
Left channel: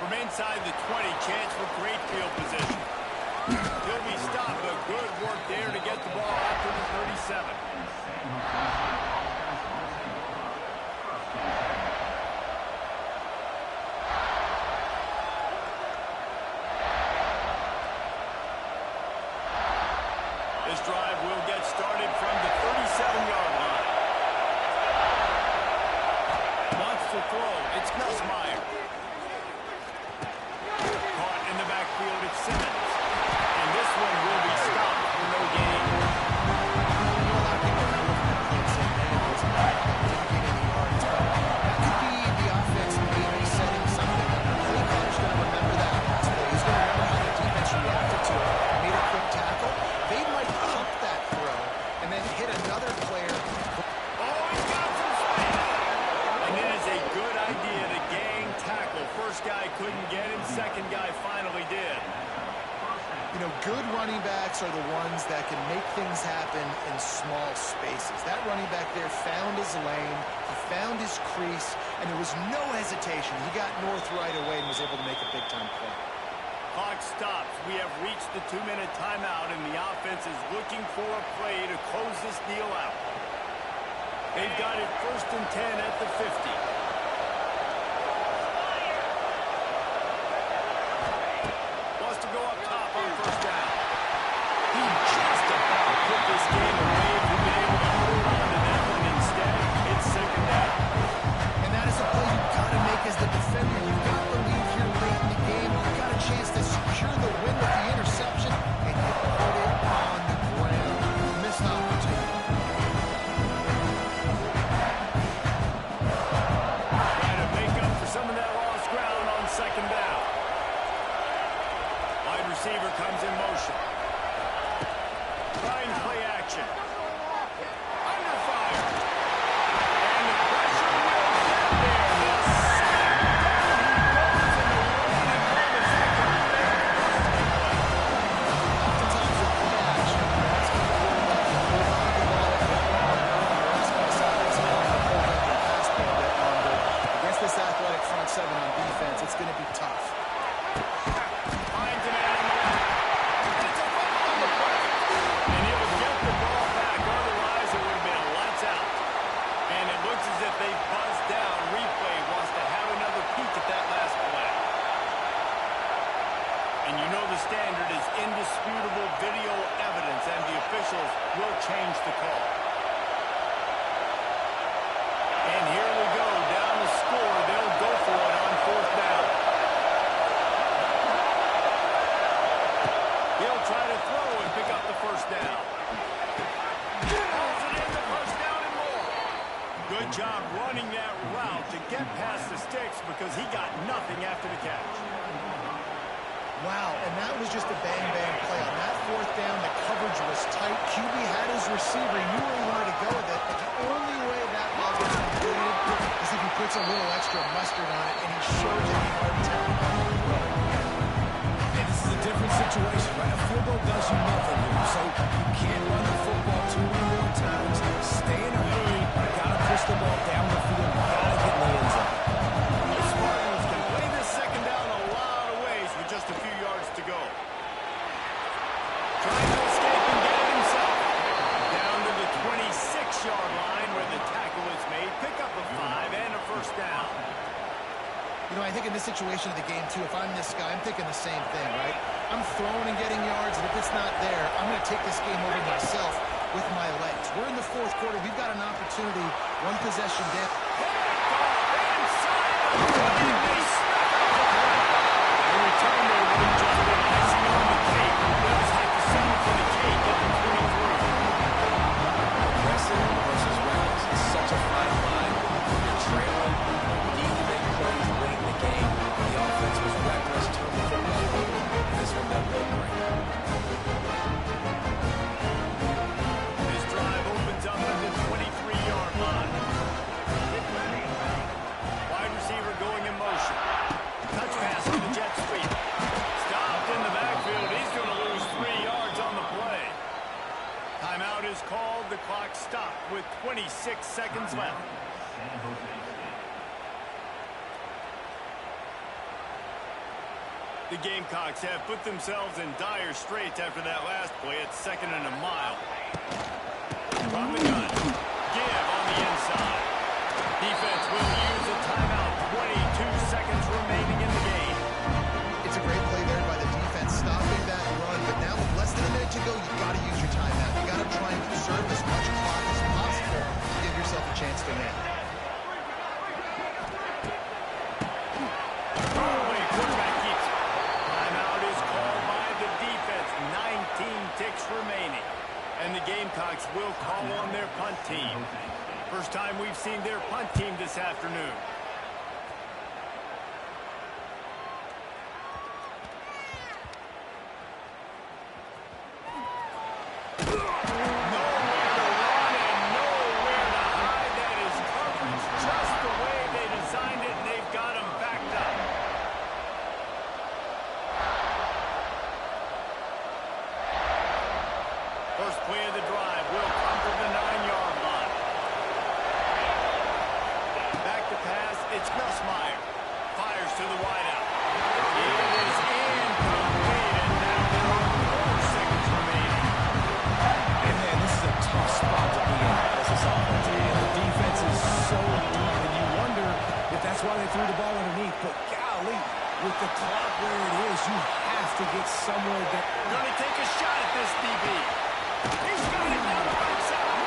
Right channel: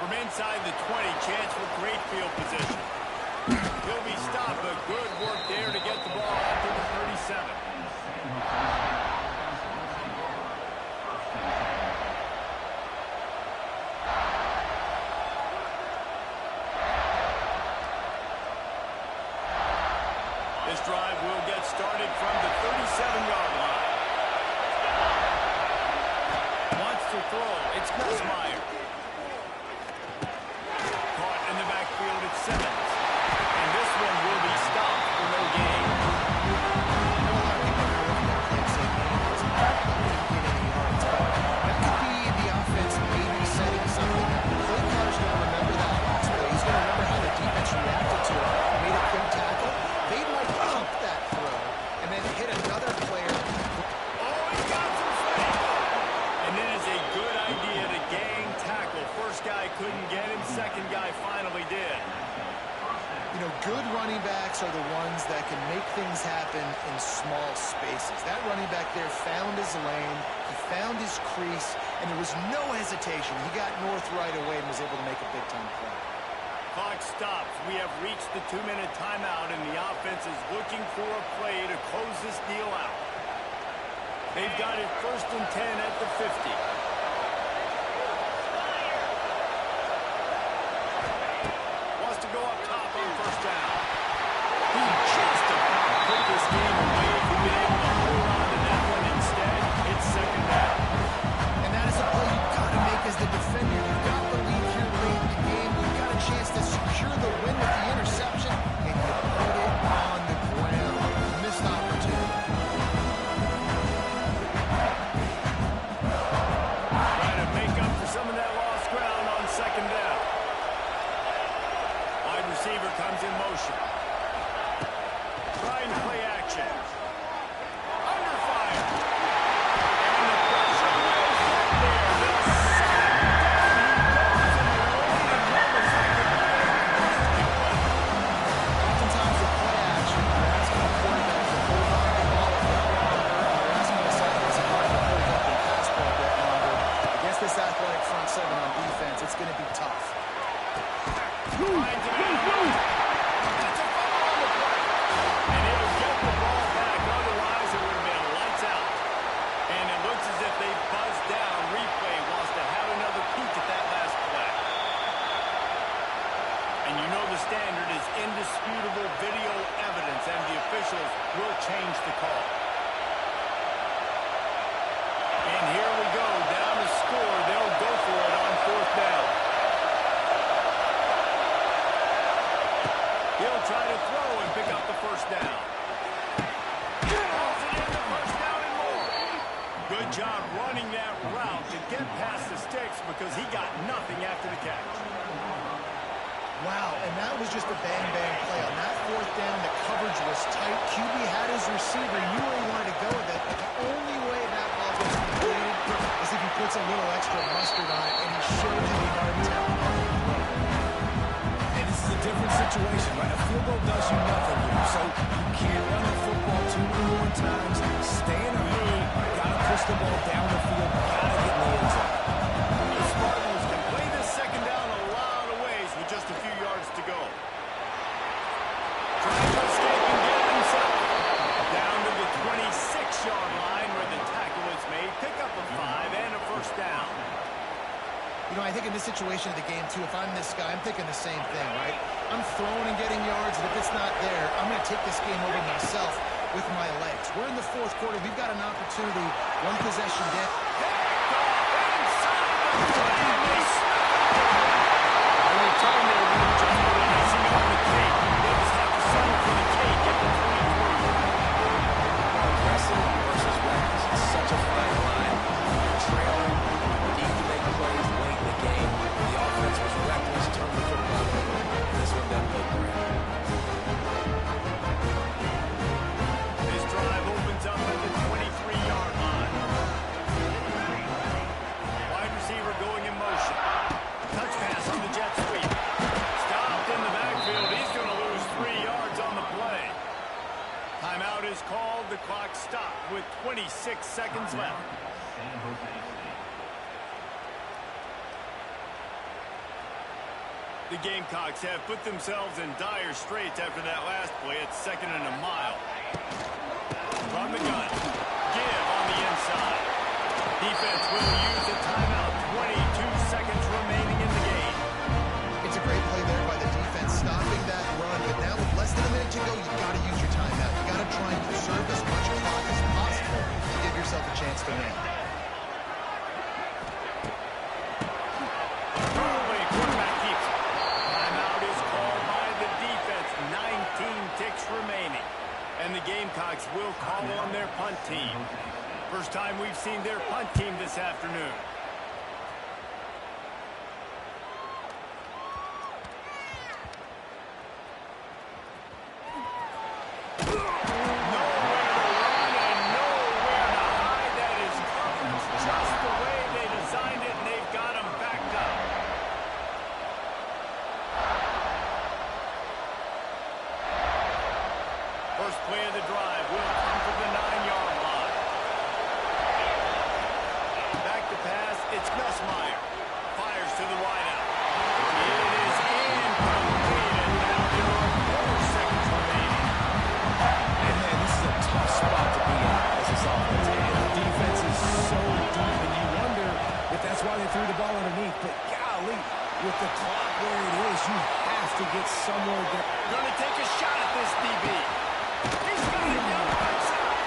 Inside the 20, chance for great field position. He'll be stopped, but good work there to get the ball out to the 37. This drive will get started from the 37-yard line. Wants to throw. It's Nussmeier. Caught in the backfield, it's Simmons. And this one will be stopped for no gain. I know a lot of people are going to look at that play and say, man, it was a bad play, didn't get any yards. But that could be the offense maybe setting something up. The play caller's going to remember that last play. He's going to remember how the defense reacted to it, made a quick tackle. They might pump that throw and then hit another player. Oh, he's got some space. And it is a good idea to gang tackle. First guy couldn't get him, second guy finally did. You know, good running backs are the ones that can make things happen in small spaces. That running back there found his lane, he found his crease, and there was no hesitation. He got north right away and was able to make a big-time play. Clock stops. We have reached the 2-minute timeout, and the offense is looking for a play to close this deal out. They've got it 1st and 10 at the 50. Wants to go up top on 1st down. He just about put this game away if he'd been able to hold on to that one instead. It's 2nd down. And that is a play you've got to make as the defender. You've got the lead here late in the game. You've got a chance to secure the win with the interception, and you put it on the ground. Missed opportunity. Trying to make up for some of that lost ground on 2nd down. Wide receiver comes in motion. Trying play action. Under fire. And the pressure will get there. The sack down he goes, and the waiting moments that could be a busting play. Oftentimes with play action, you're asking the quarterback to hold on to the ball a bit longer. You're asking this offensive line to hold up and pass for a bit longer. Against this athletic front seven on defense, it's going to be tough. Finds a man on the left. And it's a fumble on the play. And he'll get the ball back. Otherwise, it would have been lights out. And it looks as if they buzzed down. Replay wants to have another peek at that last play. And you know the standard is indisputable video evidence, and the officials will change the call. And here we go. Down the score. They'll go for it on 4th down. He'll try to throw and pick up the 1st down. Calls it in the 1st down and more. Good job running that route to get past the sticks because he got nothing after the catch. Wow, and that was just a bang-bang play. On that 4th down, the coverage was tight. QB had his receiver. He knew where he wanted to go with it, but the only way that ball gets completed is if he puts a little extra mustard on it, and he showed that he had talent on the throw. And this is a different situation, right? A field goal does you nothing here. So you can't run the football too many more times. Stay in a hurry. Got to push the ball down the field. Got to get in the end zone. The Spartans can play this 2nd down a lot of ways with just a few yards to go. Trying to escape and get it himself. Down to the 26-yard line where the tackle is made. Pick up a 5 and a 1st down. You know, I think in this situation of the game, too, if I'm this guy, I'm thinking the same thing, right? I'm throwing and getting yards, and if it's not there, I'm going to take this game over myself with my legs. We're in the 4th quarter. We've got an opportunity, one possession down. Picked off inside the 20, and they snuff out the threat. The return there would have just been icing on the cake. They'll just have to settle for the cake at the 23. Aggressive versus reckless. It's such a fine line. You're trailing. You need to make plays late in the game. The offense was reckless, turned the football over, and this one doesn't look great. This drive opens up at the 23-yard line. Wide receiver going in motion. Touch pass on the jet sweep. Stopped in the backfield. He's going to lose 3 yards on the play. Timeout is called. The clock stopped with 26 seconds left. The Gamecocks have put themselves in dire straits after that last play. It's 2nd and a mile. From the gun. Give on the inside. Defense will use a timeout. 22 seconds remaining in the game. It's a great play there by the defense, stopping that run. But now with less than a minute to go, you've got to use your timeout. You've got to try and conserve as much clock as possible to give yourself a chance to win. Throwaway, quarterback keeps it. Timeout is called by the defense. 19 ticks remaining. And the Gamecocks will call on their punt team. First time we've seen their punt team this afternoon. Nowhere to run and nowhere to hide. That is coverage just the way they designed it, and they've got them backed up. First play of the drive will come from the 9-yard line. Back to pass, it's Nussmeier. Fires to the wideout. It is incomplete, and now there are 4 seconds remaining. And man, this is a tough spot to be in as this offense. And the defense so deep, and you wonder if that's why they threw the ball underneath. But golly, with the clock where it is, you have to get somewhere there. Going to take a shot at this, DB. He's got it down the right side.